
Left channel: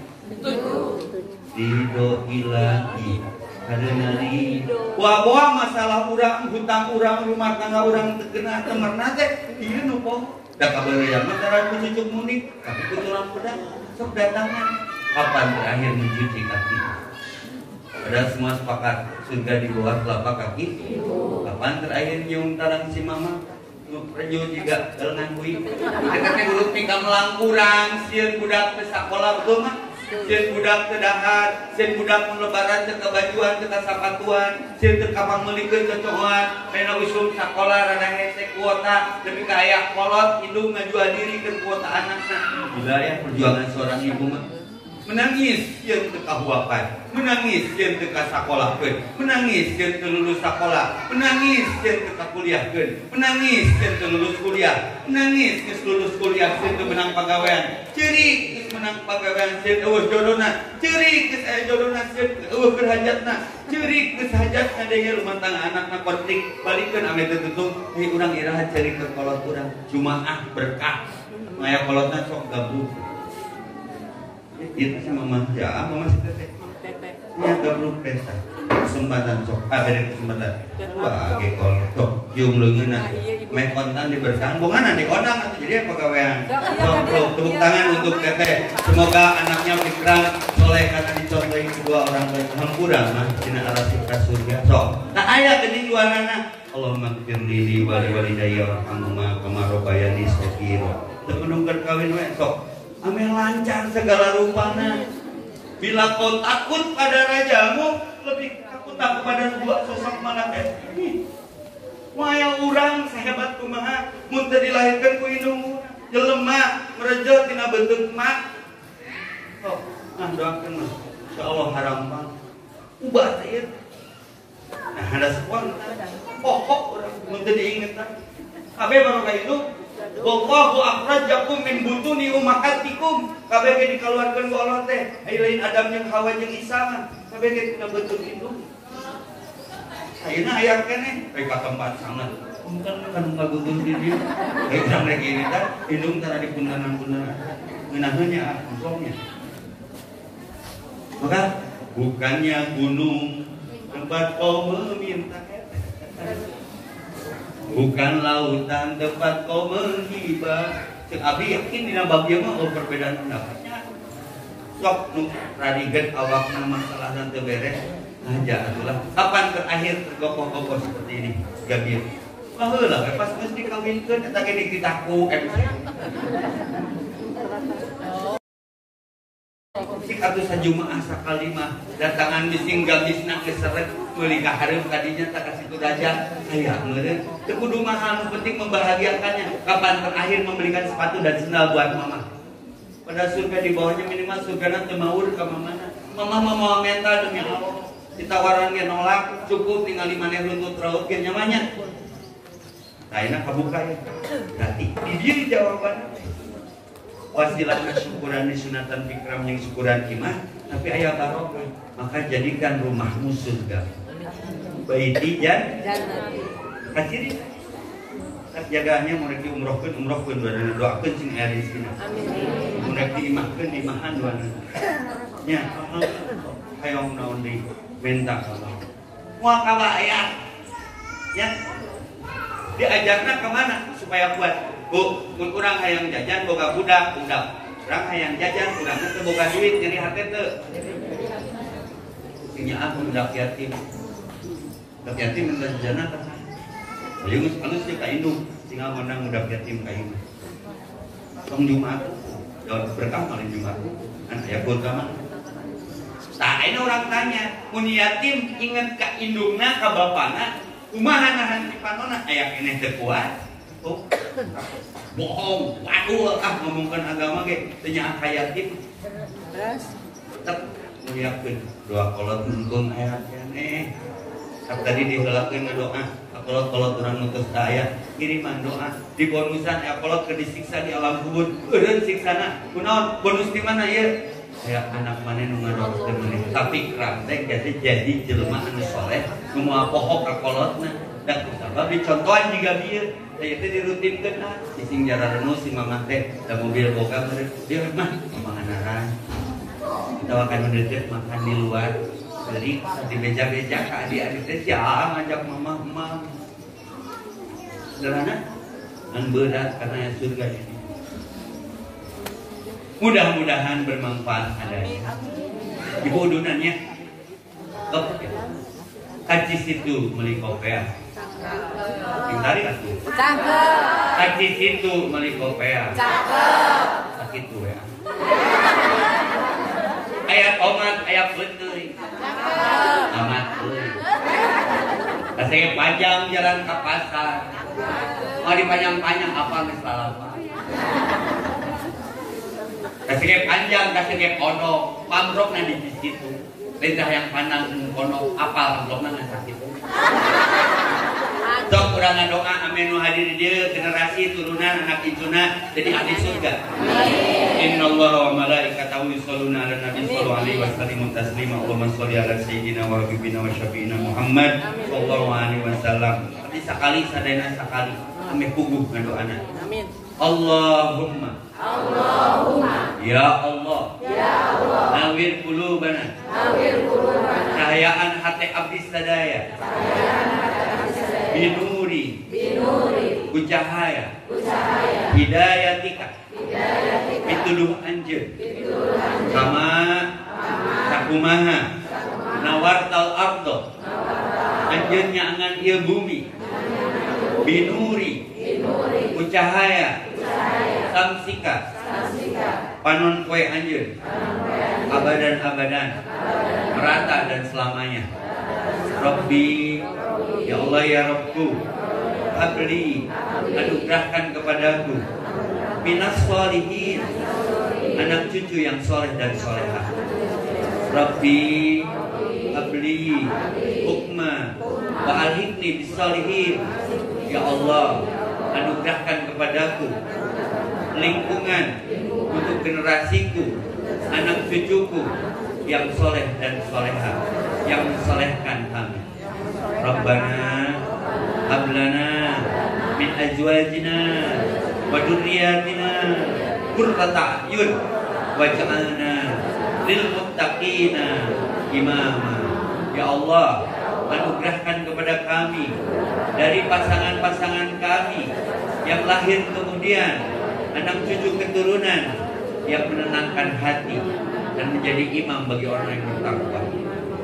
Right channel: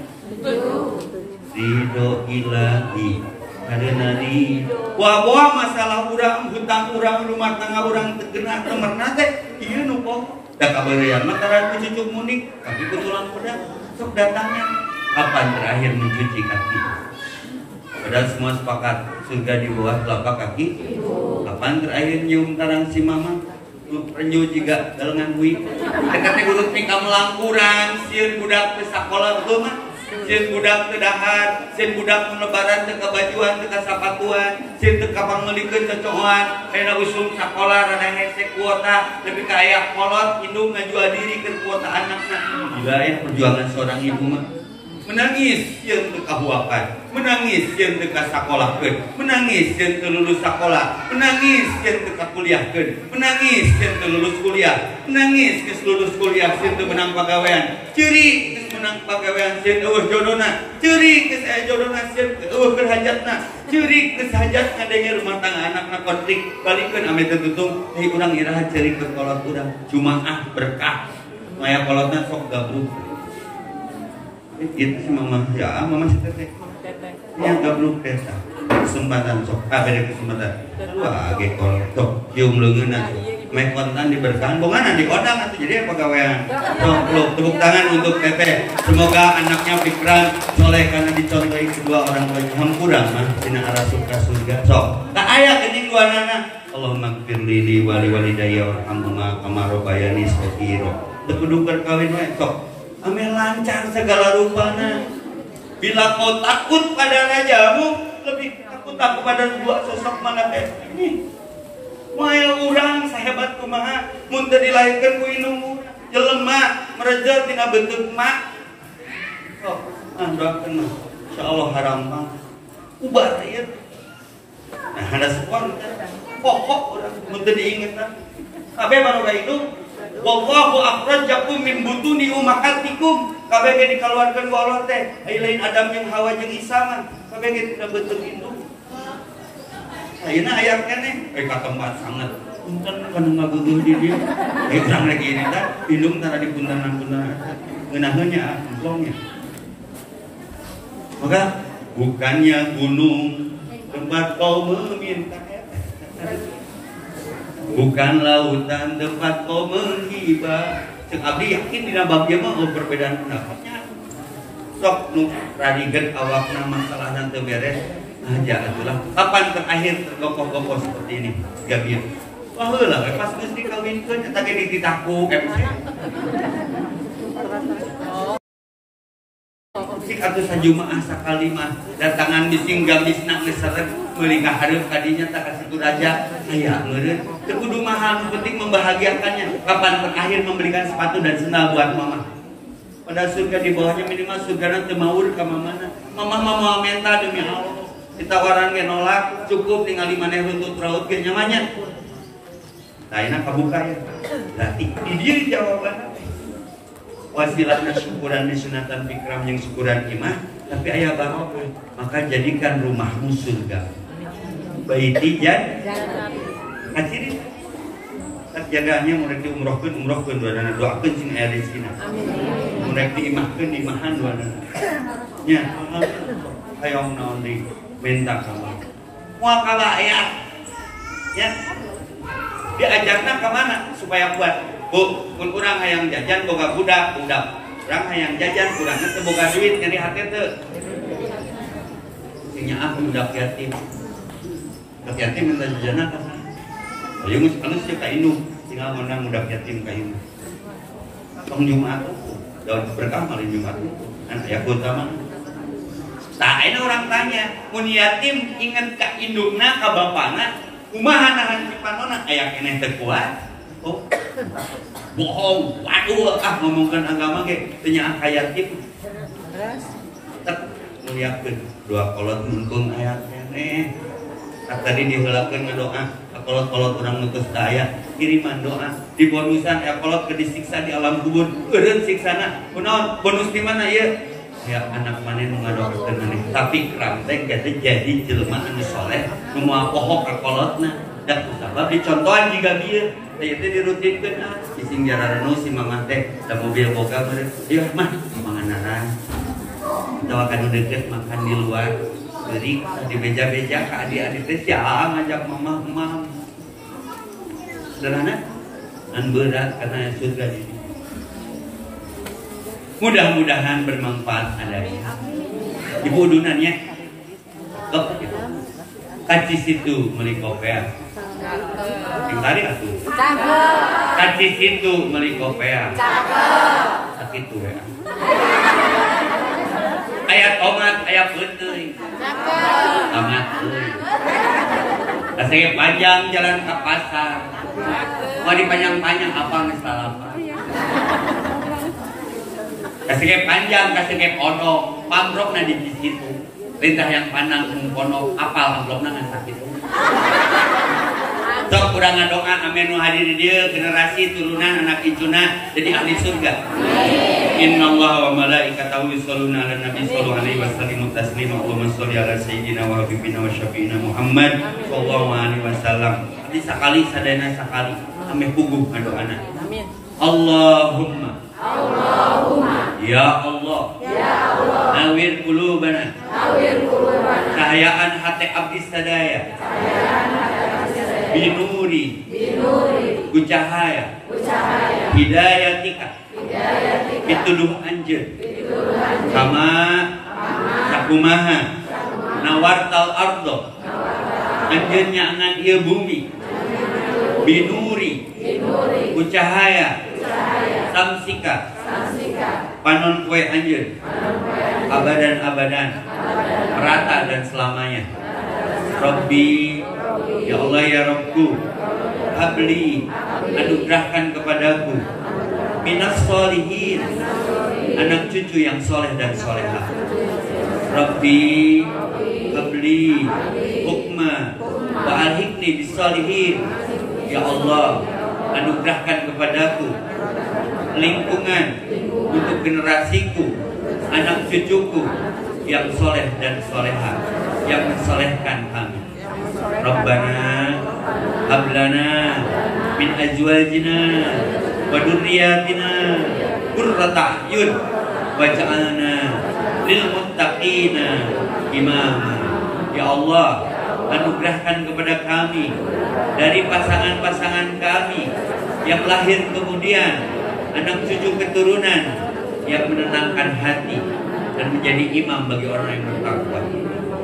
Ridho ilahi karena ridho. Wah masalah urang hutang urang rumah tangga urang tegena temerna teh ieu nu poho. Da kabeurean mah tara cucuk munik tapi ketulan pedang sok datangan. Kapan terakhir mencuci kaki? Padahal semua sepakat surga di bawah telapak kaki. Kapan terakhir nyium karang si mama? Renyu juga dalengan bui. Dekatnya urut pika melangkurang, sieun budak ke sakola betul mah. Sieun budak ke dahar, sieun budak lebaran teu kabajuan teu kasapatuan, sieun teu kapangeulikeun cocohan, pena usum sakola rada hese kuota, lebih ka aya kolot indung ngajual diri ke kuota anakna. Gila ya perjuangan seorang ibu mah. Menangis yang teu kahuapan, menangis yang teu kasakolahkeun, menangis yang teu lulus sakola, menangis yang teu kakuliahkeun, menangis yang teu lulus kuliah, menangis geus lulus kuliah yang teu menang pagawean, ceurik geus menang pagawean yang eueuh jodona, ceurik geus aya jodona yang eueuh keur hajatna, ceurik geus hajat ngadenge rumah tangga anakna konflik, balikeun ame teu tutung, deui urang iraha ceurik ke kolot urang, Jumaah berkah, maya kolotna sok gabruk. Itu mama ya mama si teteh yang gabluk desa kesempatan sok beri kesempatan wah gekol sok cium leungeunna meh kontan diberkahan bongan di kodang atuh jadi pegawaian sok tepuk tangan untuk teteh semoga anaknya pikiran soleh karena dicontohi kedua orang tua hampura mah dina arah surga sok tak aya geuning kuanana Allahumma ighfirli wa li walidayya warhamhuma kama rabbayani saghira teu kudu berkawin we sok ame lancar segala rupana Bila kau takut pada rajamu, lebih takutlah kepada dua sosok malaikat ini. Maya urang sahebat kumaha mun teu dilahirkeun ku indung jelema merejo tina bentuk mak. Oh, doakeun insyaallah harampang. Ubah ieu. Nah, ada spon pokok urang mun teu diingetan. Kabeh baroga itu wallahu akhrajakum min butuni ummahatikum. Kabeh ge dikeluarkeun ku Allah teh. Aya lain Adam jeung Hawa jeung Isa mah. Kabeh ge tina bentuk indung. Ayeuna aya keneh, ka tempat sangat. Mungkin kan ngabutuh di dieu. Ekam lagi ini tah, indung tara di puntanan-puntanan. Ngeunaheun nya amplongnya. Maka bukannya gunung tempat kau meminta, bukan lautan tempat kau menghibah. Cek abdi yakin dina bab ieu mah perbedaan pendapatnya. Sok nu radiget awakna masalahna teu beres. Aja itulah. Kapan terakhir gokoh-gokoh seperti ini? Gabir. Oh lah, pas geus dikawinkeun eta ge dititaku MC. Si atuh sajumaah sakali mah datangan ditinggal bisna geus seret meuli ka hareup kadinya tak kasitu raja aya meureun. Teu kudu mahal, penting membahagiakannya. Kapan terakhir membelikan sepatu dan sendal buat mama? Pada surga di bawahnya minimal surga teu maur ka mamana. Mama mau minta demi Allah. Ditawaran ge nolak, cukup ningali maneh runtut raut ge nyamannya. Ayeuna kabuka ya. Berarti di dieu jawabanna. Wasilatna syukuran sunatan fikram yang syukuran imah, tapi aya barokah. Maka jadikan rumahmu surga. Baiti jannah. Aciri tak jagaannya murek diumrohkeun duana doakeun cing aya rezekina. Amin. Murek diimahkeun imahan duana. Nya, hayong naon deui minta sama. Moal kalah aya. Ya. Diajarna ka mana supaya kuat? Bu, mun urang hayang jajan boga budak. Urang hayang jajan urang teu boga duit nyari hate teu. Sing nyaah budak yatim. Budak yatim minta jajanna ka. Ayo geus anu ka indung, tinggal menang budak yatim ka indung. Tong Jumat daun berkah malin Jumat. An aya utama. Tah ini orang tanya, mun yatim inget ka indungna ka bapana, kumaha nahan si panona aya keneh teu kuat. Oh. Bohong, waduh ngomongkeun agama ge teu nyaah ka yatim. Tetep muliakeun doa kolot nungtung aya keneh. Tadi diheulakeun ngadoa, kolot-kolot urang nutus ka aya, kiriman doa. Di bonusan aya kolot ke disiksa di alam kubur. Eureun siksana. Kunaon bonus di mana ieu? Ya anak maneh nu ngadoakeun maneh tapi kram teh jadi jelema anu saleh nu moal pohok ka kolotna da sabab dicontohan jiga bieu teh teh dirutinkeun sing jarana si mamah teh da mobil boga meureun ieu mah manganaran atawa kana deukeut makan di luar jadi di beja-beja ka adik-adik teh sia ngajak mamah mam sederhana an berat karena surga ini. Mudah-mudahan bermanfaat adanya. Ibu udunannya, dok, kacis itu meuli kopea. Sing tari atuh. Kacis itu meuli kopea. Sakit we. Aya tomat, aya peuteung. Tomat euy. Kasih panjang jalan ke pasar. Mau dipanjang-panjang apa geus salapa. Kasih panjang, kasih kodok, pambrokna di situ. Lintah yang panang kodok, apal pambrokna ngan sakit. Sok urang ngadoa amin nu hadir di dieu generasi turunan anak icuna jadi ahli surga. Innallaha wa malaikatahu yusholluna 'alan nabi sallallahu alaihi wasallam taslima Allahumma sholli ala sayyidina wa habibina wa syafiina Muhammad sallallahu alaihi wasallam. Abdi sakali sadayana sakali ame puguh ngadoana. Amin. Allahumma ya Allah nawir qulubana cahayaan hati abdi sadaya binuri ku cahaya hidayatika pituduh anjeun kama sakumaha nawartal ardo anjeun nyaangan ieu bumi binuri ku cahaya samsika panon kue anjeun abadan merata dan selamanya. Rabbi, ya Allah ya Rabbku, habli, anugerahkan kepadaku minas sholihin, anak cucu yang soleh dan solehah. Rabbi, habli, hukma, wa alhiqni bisolihin. Ya Allah, anugerahkan kepadaku lingkungan untuk generasiku, anak cucuku yang soleh dan solehah, yang mensolehkan kami. Rabbana hablana min azwajina wa dzurriyyatina qurrata a'yun waj'alna lil muttaqina imama. Ya Allah, anugerahkan kepada kami dari pasangan-pasangan kami yang lahir kemudian, anak cucu keturunan yang menenangkan hati dan menjadi imam bagi orang yang bertakwa,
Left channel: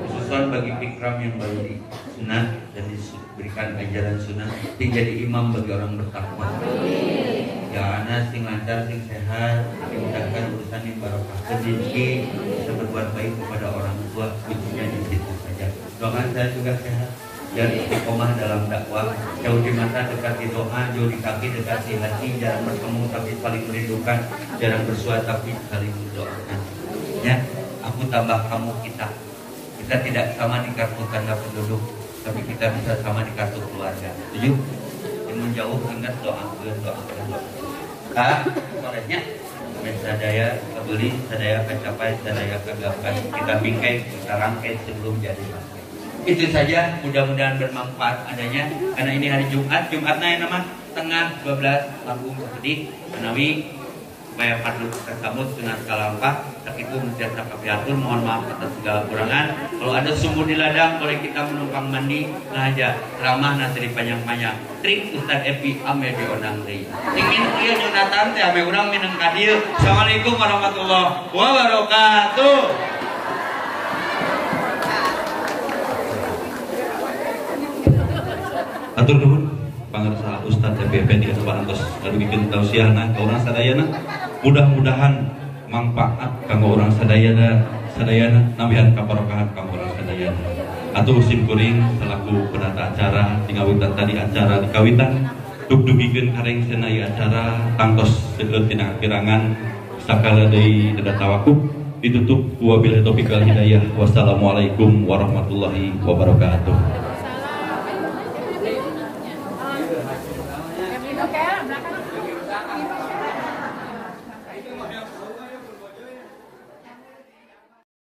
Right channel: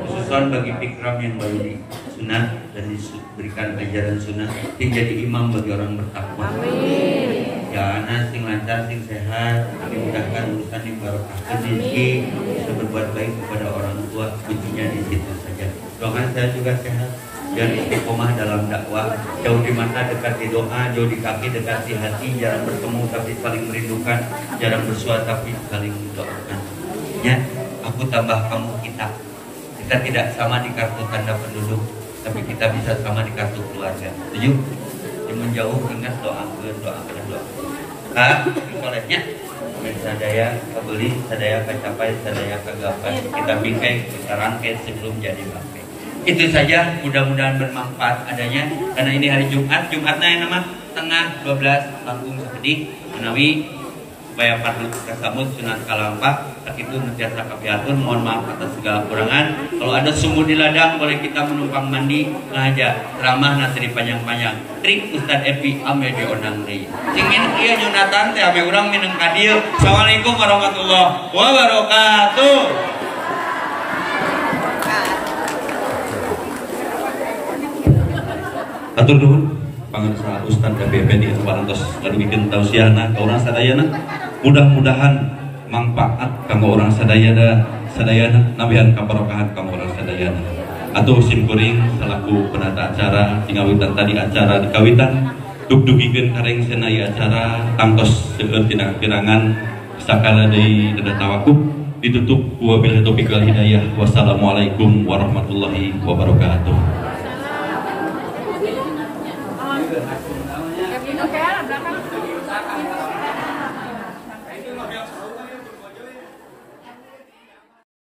khususan bagi Fikram yang baru disunat dan diberikan ajaran sunat, jadi imam bagi orang bertakwa. Ya anak sing lancar, sing sehat, dimudahkan urusan yang barokah, rezeki, bisa berbuat baik kepada orang tua, kuncinya di situ saja. Doakan saya juga sehat, jangan istiqomah dalam dakwah, jauh di mata dekat di doa, jauh di kaki dekat di hati, jarang bertemu tapi saling merindukan, jarang bersua tapi saling mendoakan. Ya, aku tambah kamu kita tidak sama di kartu tanda penduduk, tapi kita bisa sama di kartu keluarga. Setuju? Yang menjauh ingat doa. Solehnya, sadaya kebeli, sadaya kecapai, sadaya kegapai. Kita bingkai, kita rangkai sebelum jadi bangkai. Itu saja, mudah-mudahan bermanfaat adanya. Karena ini hari Jumat, Jumatnya yang nama tengah 12 Lampung sedih menawi supaya parlu tersambut sunat kalampah. Tak itu mentiasa kami atur, mohon maaf atas segala kurangan. Kalau ada sumur di ladang, boleh kita menumpang mandi ngaja ramah nanti panjang-panjang. Trik Ustadz Epi ame di onang deui. Ingin ieu nyunatan teh ame urang minum ka dieu. Assalamualaikum warahmatullahi wabarakatuh. Atur nuhun pangarsa Ustadz Epi Effendi anu parantos ngadugikeun tausiahna ka urang sadayana. Mudah-mudahan manfaat kanggo urang sadayana nabihan kabarokahan kanggo urang sadayana. Atuh sim kuring selaku penata acara tingawitan tadi acara dikawitan dugdugikeun kareng senai acara tangtos seueur tina pirangan sakala deui dada tawakuf ditutup wabillahi taufiq wal hidayah. Wassalamualaikum warahmatullahi wabarakatuh. Belakang.